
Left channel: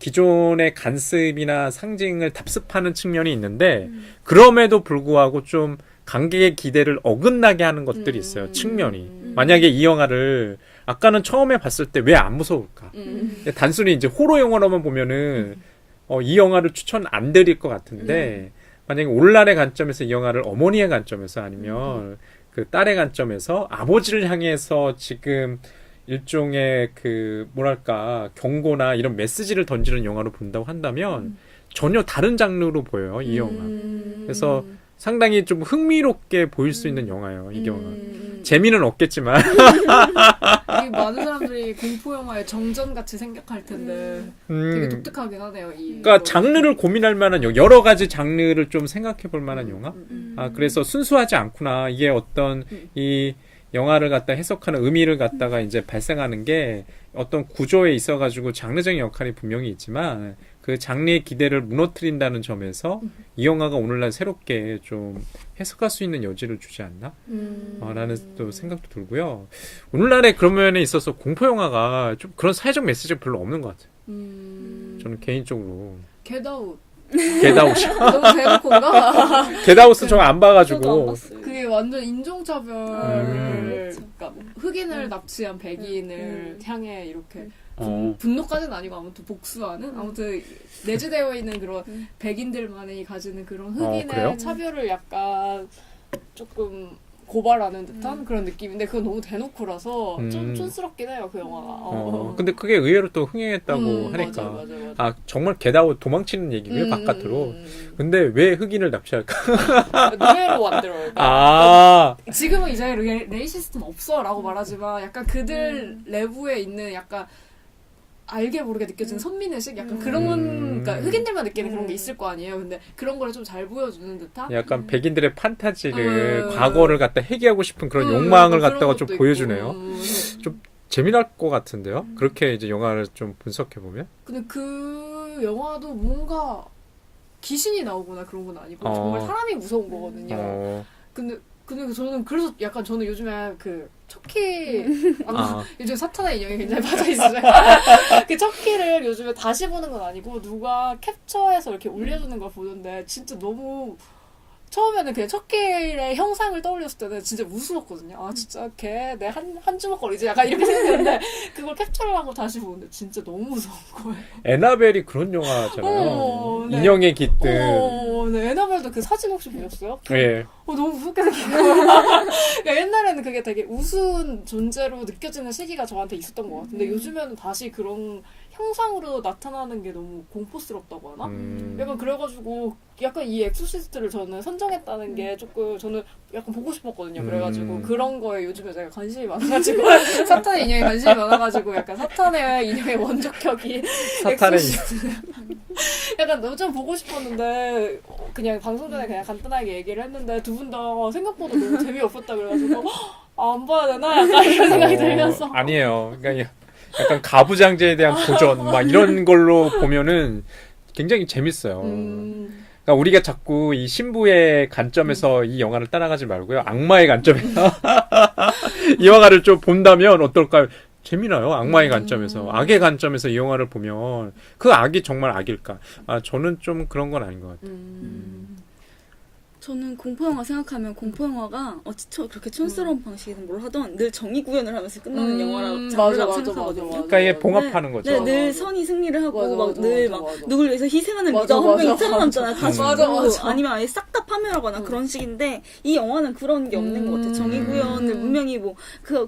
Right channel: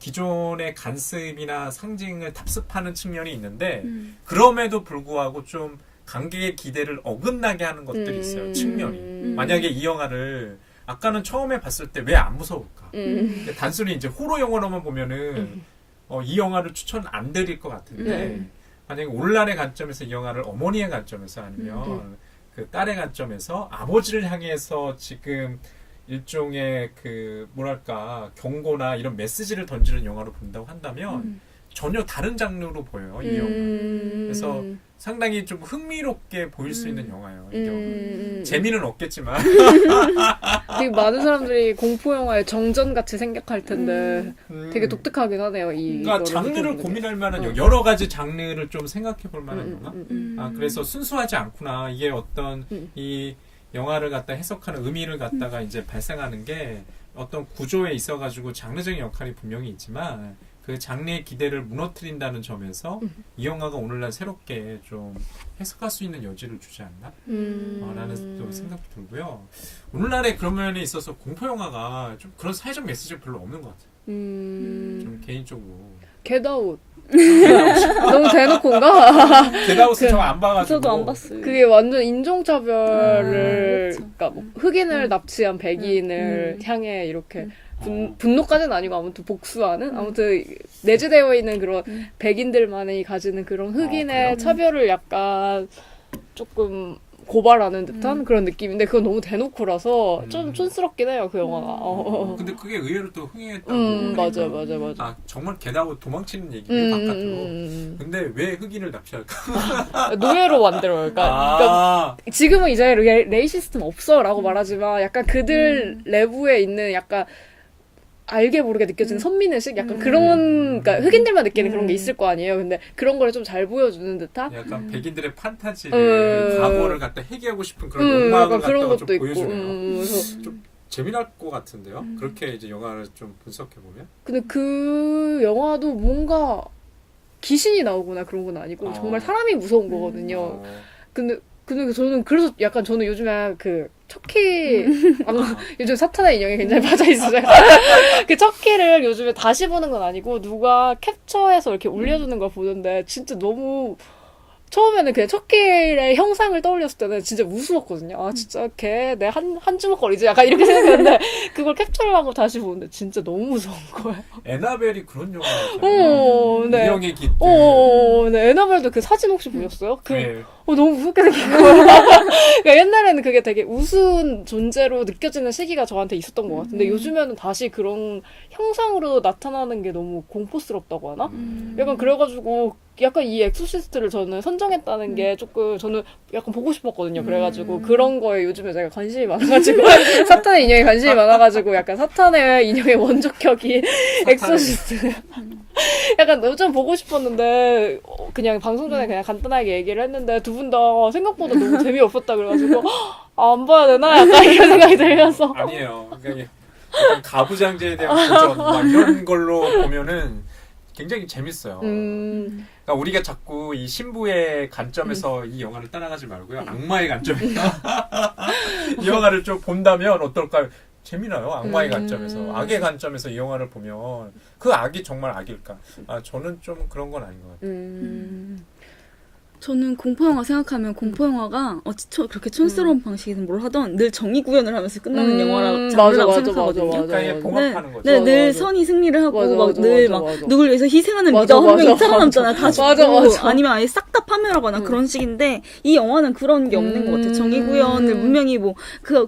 기존의 간습이나 상징을 답습하는 측면이 있는데 그럼에도 불구하고 좀 관객의 기대를 어긋나게 하는 것들이 있어요. 측면이. 만약에 이 영화를 아까는 처음에 봤을 때 왜 안 무서울까? 단순히 이제 호러 영화로만 보면은 이 영화를 추천 안 드릴 것 같은데 만약에 오늘날의 관점에서 이 영화를 어머니의 관점에서 아니면 그 딸의 관점에서 아버지를 향해서 지금 일종의 그 뭐랄까 경고나 이런 메시지를 던지는 영화로 본다고 한다면 전혀 다른 장르로 보여요 이 영화. 그래서 상당히 좀 흥미롭게 보일 수 있는 영화예요 이 영화. 재미는 없겠지만 되게 많은 사람들이 공포 영화의 정전같이 생각할 텐데 되게 독특하긴 하네요. 그러니까 장르를 고민할 만한 여러 가지 장르를 좀 생각해 볼 만한 영화. 그래서 순수하지 않구나. 이게 어떤 이 영화를 갖다 해석하는 의미를 갖다가 이제 발생하는 게 어떤 구조에 있어가지고 장르적인 역할이 분명히 있지만 그 장르의 기대를 무너뜨린다는 점에서 이 영화가 오늘날 새롭게 좀 해석할 수 있는 여지를 주지 않나? 라는 또 생각도 들고요. 오늘날에 그런 면에 있어서 공포 영화가 좀 그런 사회적 메시지가 별로 없는 것 같아요. 저는 개인적으로. 겟아웃. 겟아웃이. 너무 대놓고인가? 겟아웃은 저 안 저도 안 봐가지고. 봤어요. 그게 완전 인종차별을, 그러니까 뭐 흑인을 납치한 백인을 향해 이렇게 분노까지는 아니고 아무튼 복수하는 아무튼 내재되어 있는 그런 백인들만이 가지는 그런 흑인의 그래요? 차별을 약간 조금 고발하는 듯한 그런 느낌인데 그건 너무 대놓고라서 좀 촌스럽긴 해요 그 영화가. 근데 그게 의외로 또 흥행했다고 하니까. 맞아. 아, 정말 겟아웃 도망치는 얘기고요, 바깥으로. 근데 왜 흑인을 납치할까? 노예로 만들어요. 아, 지금은 이제 레이시스트는 없어라고 말하지만 약간 그들 내부에 있는 약간 알게 모르게 느껴지는 선민의식? 약간 그런, 그러니까 흑인들만 느끼는 그런 게 있을 거 아니에요. 근데 그런 걸 좀 잘 보여주는 듯한? 약간 백인들의 판타지를, 과거를 갖다 회귀하고 싶은 그런 욕망을 갖다가 좀 보여주네요. 좀 재미날 것 같은데요? 그렇게 이제 영화를 좀 분석해보면? 근데 그 영화도 뭔가 귀신이 나오거나 그런 건 아니고 정말 사람이 무서운 거거든요. 근데 저는 그래서 약간 저는 요즘에 그 척키 요즘 사탄의 인형에 굉장히 빠져 있어요. 그 척키를 요즘에 다시 보는 건 아니고 누가 캡처해서 이렇게 올려주는 걸 보는데 진짜 너무 처음에는 그냥 척키의 형상을 떠올렸을 때는 진짜 무서웠거든요. 아 진짜 걔 내 한 주먹거리지 약간 이렇게 생각했는데 그걸 capture를 하고 다시 보는데 진짜 너무 무서운 거예요. 에나벨이 그런 영화잖아요. 네. 인형의 깃들. 네. 에나벨도 그 사진 혹시 보셨어요? 네. 너무 무섭게 생긴 거예요. 그러니까 옛날에는 그게 되게 우스운 존재로 느껴지는 시기가 저한테 있었던 것 같은데 요즘에는 다시 그런 형상으로 나타나는 게 너무 공포스럽다고 하나? 약간 그래가지고 약간 이 엑소시스트를 저는 선정했다는 게 조금 저는 약간 보고 싶었거든요. 그래가지고 그런 거에 요즘에 제가 관심이 많아가지고 사탄의 인형에 관심이 많아가지고 약간 사탄의 인형의 원조격인 엑소시스트 약간 좀 보고 싶었는데 그냥 방송 전에 그냥 간단하게 얘기를 했는데 두 분 다 생각보다 너무 재미없었다 그래가지고 안 봐야 되나? 약간 이런 생각이 들면서 아니에요. 그러니까 약간 가부장제에 대한 도전 막 이런 걸로 보면은 굉장히 재밌어요. 그러니까 우리가 자꾸 이 신부의 관점에서 이 영화를 따라가지 말고요. 악마의 관점에서 이 영화를 좀 본다면 어떨까요? 재미나요. 악마의 관점에서. 악의 관점에서 이 영화를 보면 그 악이 정말 악일까? 아, 저는 좀 그런 건 아닌 것 같아요. 저는 공포영화 생각하면 공포영화가 그렇게 촌스러운 방식이든 뭘 하던 늘 정의 구현을 하면서 끝나는 영화라고 생각하거든요. 그러니까 이게 봉합하는 거죠. 네, 늘 선이 승리를 하고 늘 누굴 위해서 희생하는 맞아, 리더 한 명이 맞아, 살아남잖아요. 다 맞아, 죽고 맞아. 아니면 아예 싹 다 파멸하거나 그런 식인데 이 영화는 그런 게 없는 것 같아요. 정의 구현을 분명히 뭐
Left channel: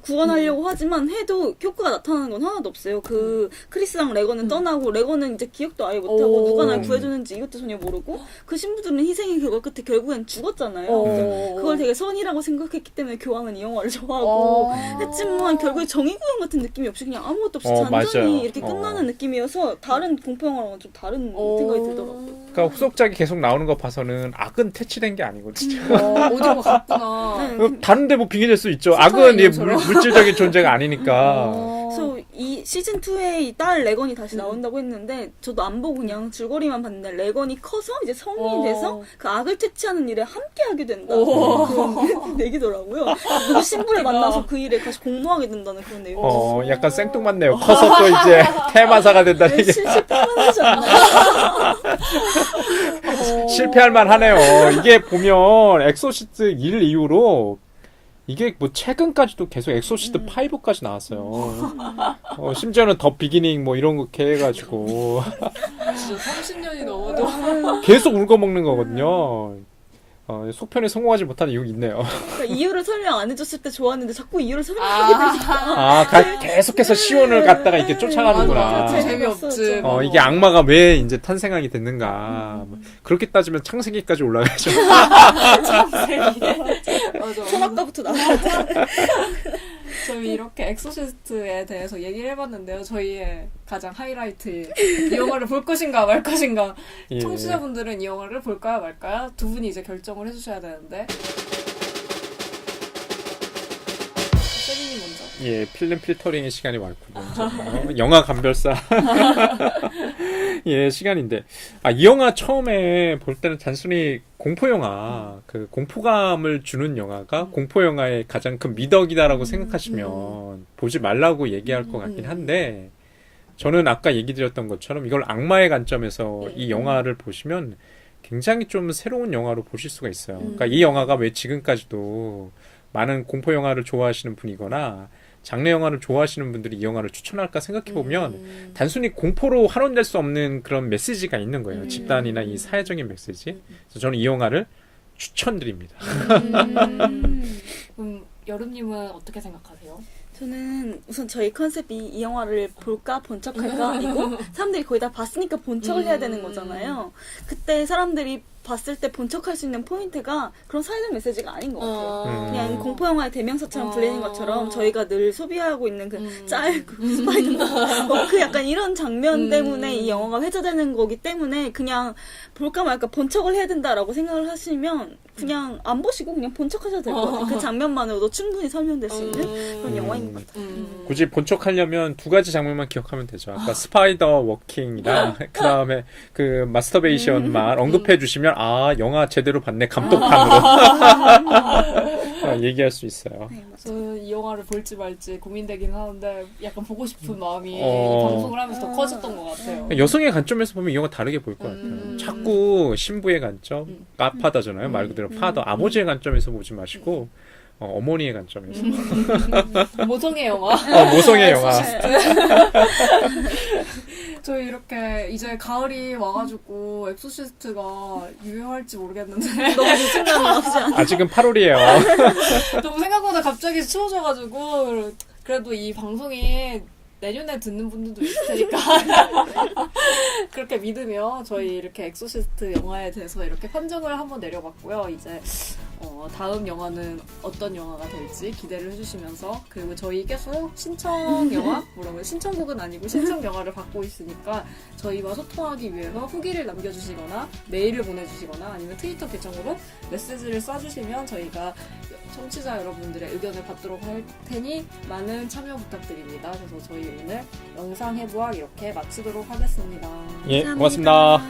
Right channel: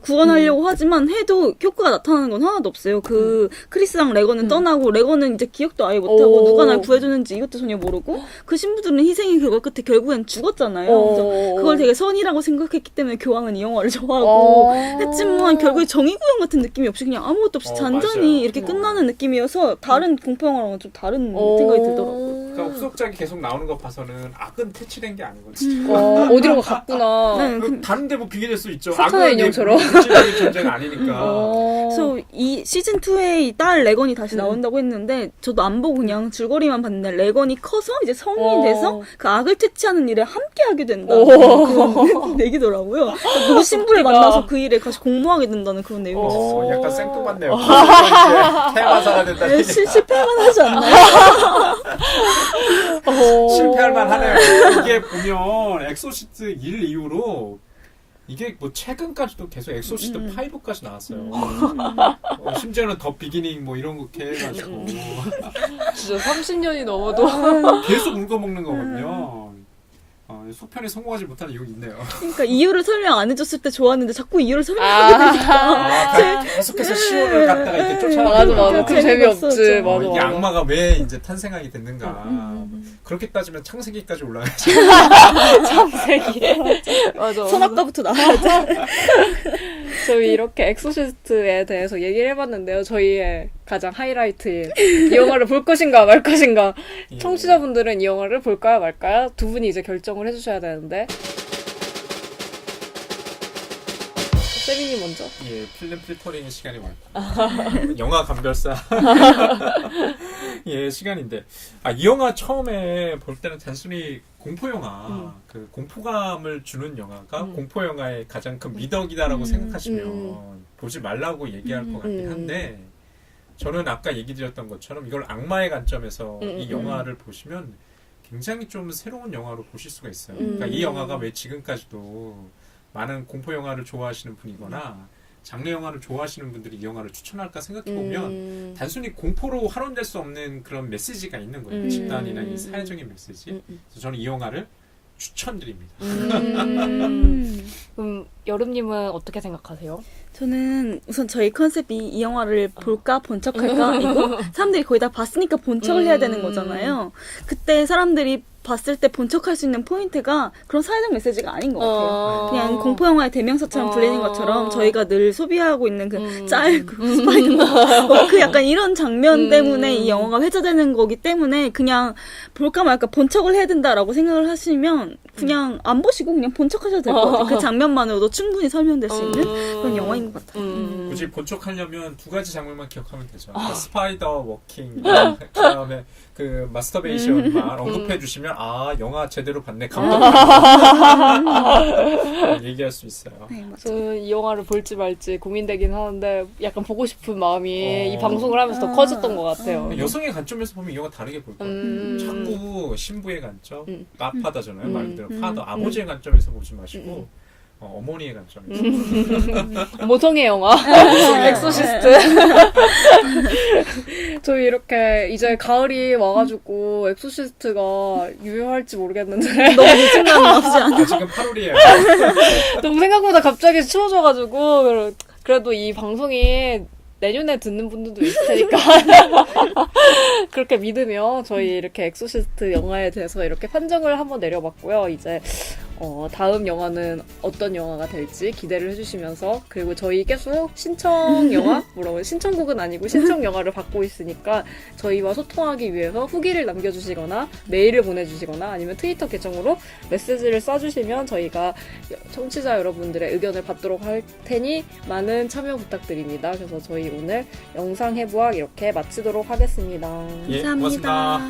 구현하려고 하지만 해도 효과가 나타나는 건 하나도 없어요. 그 크리스랑 레건은 떠나고 레건은 이제 기억도 아예 못하고 누가 날 구해줬는지 이것도 전혀 모르고 그 신부들은 희생의 결과 끝에 결국엔 죽었잖아요. 그래서 그걸 되게 선이라고 생각했기 때문에 교황은 이 영화를 좋아하고 했지만 결국에 정의 구현 같은 느낌이 없이 그냥 아무것도 없이 잔잔히 맞아요. 이렇게 끝나는 느낌이어서 다른 공포 영화랑은 좀 다른 생각이 들더라고요. 그러니까 후속작이 계속 나오는 거 봐서는 악은 퇴치된 게 아니거든요. 어디로 갔구나. 다른데 뭐 빙의될 수 있죠. 사탄의 악은 인형처럼. 물질적인 존재가 아니니까. 그래서 이 시즌 2에 딸 레건이 다시 나온다고 했는데 저도 안 보고 그냥 줄거리만 봤는데 레건이 커서 이제 성인이 돼서 그 악을 퇴치하는 일에 함께 하게 된다. 그런 얘기더라고요. 그 신부를 만나서 그 일에 다시 공모하게 된다는 그런 내용. 약간 생뚱맞네요. 커서 또 이제 테마사가 된다는 얘기. 실패하잖아. 실패할 만하네요. 이게 보면 엑소시스트 1 이후로 이게 뭐 최근까지도 계속 엑소시스트 5까지 나왔어요. 심지어는 더 비기닝 뭐 이런 거 해가지고 진짜 30년이 넘어도 계속 울거먹는 거거든요. 속편에 성공하지 못하는 이유가 있네요. 그러니까 이유를 설명 안 해줬을 때 좋았는데 자꾸 이유를 설명하게 되니까. 계속해서 시온을 갖다가 이렇게 쫓아가는구나. 맞아. 그 재미없지. 맞아. 이게 악마가 왜 이제 탄생하게 됐는가. 그렇게 따지면 창세기까지 올라가죠. 창세기. 맞아. 아까부터 나와. 저희 이렇게 엑소시스트에 대해서 얘기를 해봤는데요. 저희의 가장 하이라이트인 이 영화를 볼 것인가 말 것인가. 예. 청취자분들은 이 영화를 볼까요 말까요? 두 분이 이제 결정을 해주셔야 되는데 예, 필름 필터링의 시간이 왔군요. 영화 감별사. 예, 시간인데. 이 영화 처음에 볼 때는 단순히 공포 영화, 그 공포감을 주는 영화가 공포 영화의 가장 큰 미덕이다라고 생각하시면 보지 말라고 얘기할 것 같긴 한데, 저는 아까 얘기 드렸던 것처럼 이걸 악마의 관점에서 이 영화를 보시면 굉장히 좀 새로운 영화로 보실 수가 있어요. 그러니까 이 영화가 왜 지금까지도 많은 공포 영화를 좋아하시는 분이거나 장르 영화를 좋아하시는 분들이 이 영화를 추천할까 생각해보면 단순히 공포로 환원될 수 없는 그런 메시지가 있는 거예요. 집단이나 이 사회적인 메시지. 그래서 저는 이 영화를 추천드립니다. 여름님은 어떻게 생각하세요? 저는 우선 저희 컨셉이 이 영화를 볼까 번쩍할까 이고 사람들이 거의 다 봤으니까 번쩍을 해야 되는 거잖아요. 그때 사람들이 봤을 때 번쩍할 수 있는 포인트가 그런 사회적 메시지가 아닌 것 같아요. 그냥 공포 영화의 대명사처럼 불리는 것처럼 저희가 늘 소비하고 있는 그 짤, 그 스파이더, 그 약간 이런 장면 때문에 이 영화가 회자되는 거기 때문에 그냥 볼까 말까 번쩍을 해야 된다라고 생각을 하시면 그냥 안 보시고 그냥 번쩍하셔도 될 것 같아요. 그 장면만으로도 충분히 설명될 수 있는 그런 영화인 것 같아요. 굳이 번쩍하려면 두 가지 장면만 기억하면 되죠. 아까 스파이더 워킹이랑 그 다음에 그 마스터베이션만 언급해 주시면 영화 제대로 봤네 감독함으로 얘기할 수 있어요. 저는 이 영화를 볼지 말지 고민되긴 하는데 약간 보고 싶은 마음이 이 방송을 하면서 더 커졌던 것 같아요. 여성의 관점에서 보면 이 영화 다르게 보일 것 같아요. 자꾸 신부의 관점, 아파다잖아요. 말 그대로 파더, 아버지의 관점에서 보지 마시고 어머니의 관점에서. 모성의 영화. 모성의 영화. 엑소시스트. 저희 이렇게 이제 가을이 와가지고 엑소시스트가 유효할지 모르겠는데 아직은 8월이에요. 너무 생각보다 갑자기 추워져가지고 그래도 이 방송이 내년에 듣는 분들도 있을 테니까 그렇게 믿으며 저희 이렇게 엑소시스트 영화에 대해서 이렇게 판정을 한번 내려봤고요. 이제 다음 영화는 어떤 영화가 될지 기대를 해주시면서 그리고 저희 계속 신청 영화 물론 신청곡은 아니고 신청 영화를 받고 있으니까 저희와 소통하기 위해서 후기를 남겨주시거나 메일을 보내주시거나 아니면 트위터 계정으로 메시지를 써주시면 저희가 청취자 여러분들의 의견을 받도록 할 테니 많은 참여 부탁드립니다. 그래서 저희 오늘 영상 해부학 이렇게 마치도록 하겠습니다. 예, 고맙습니다.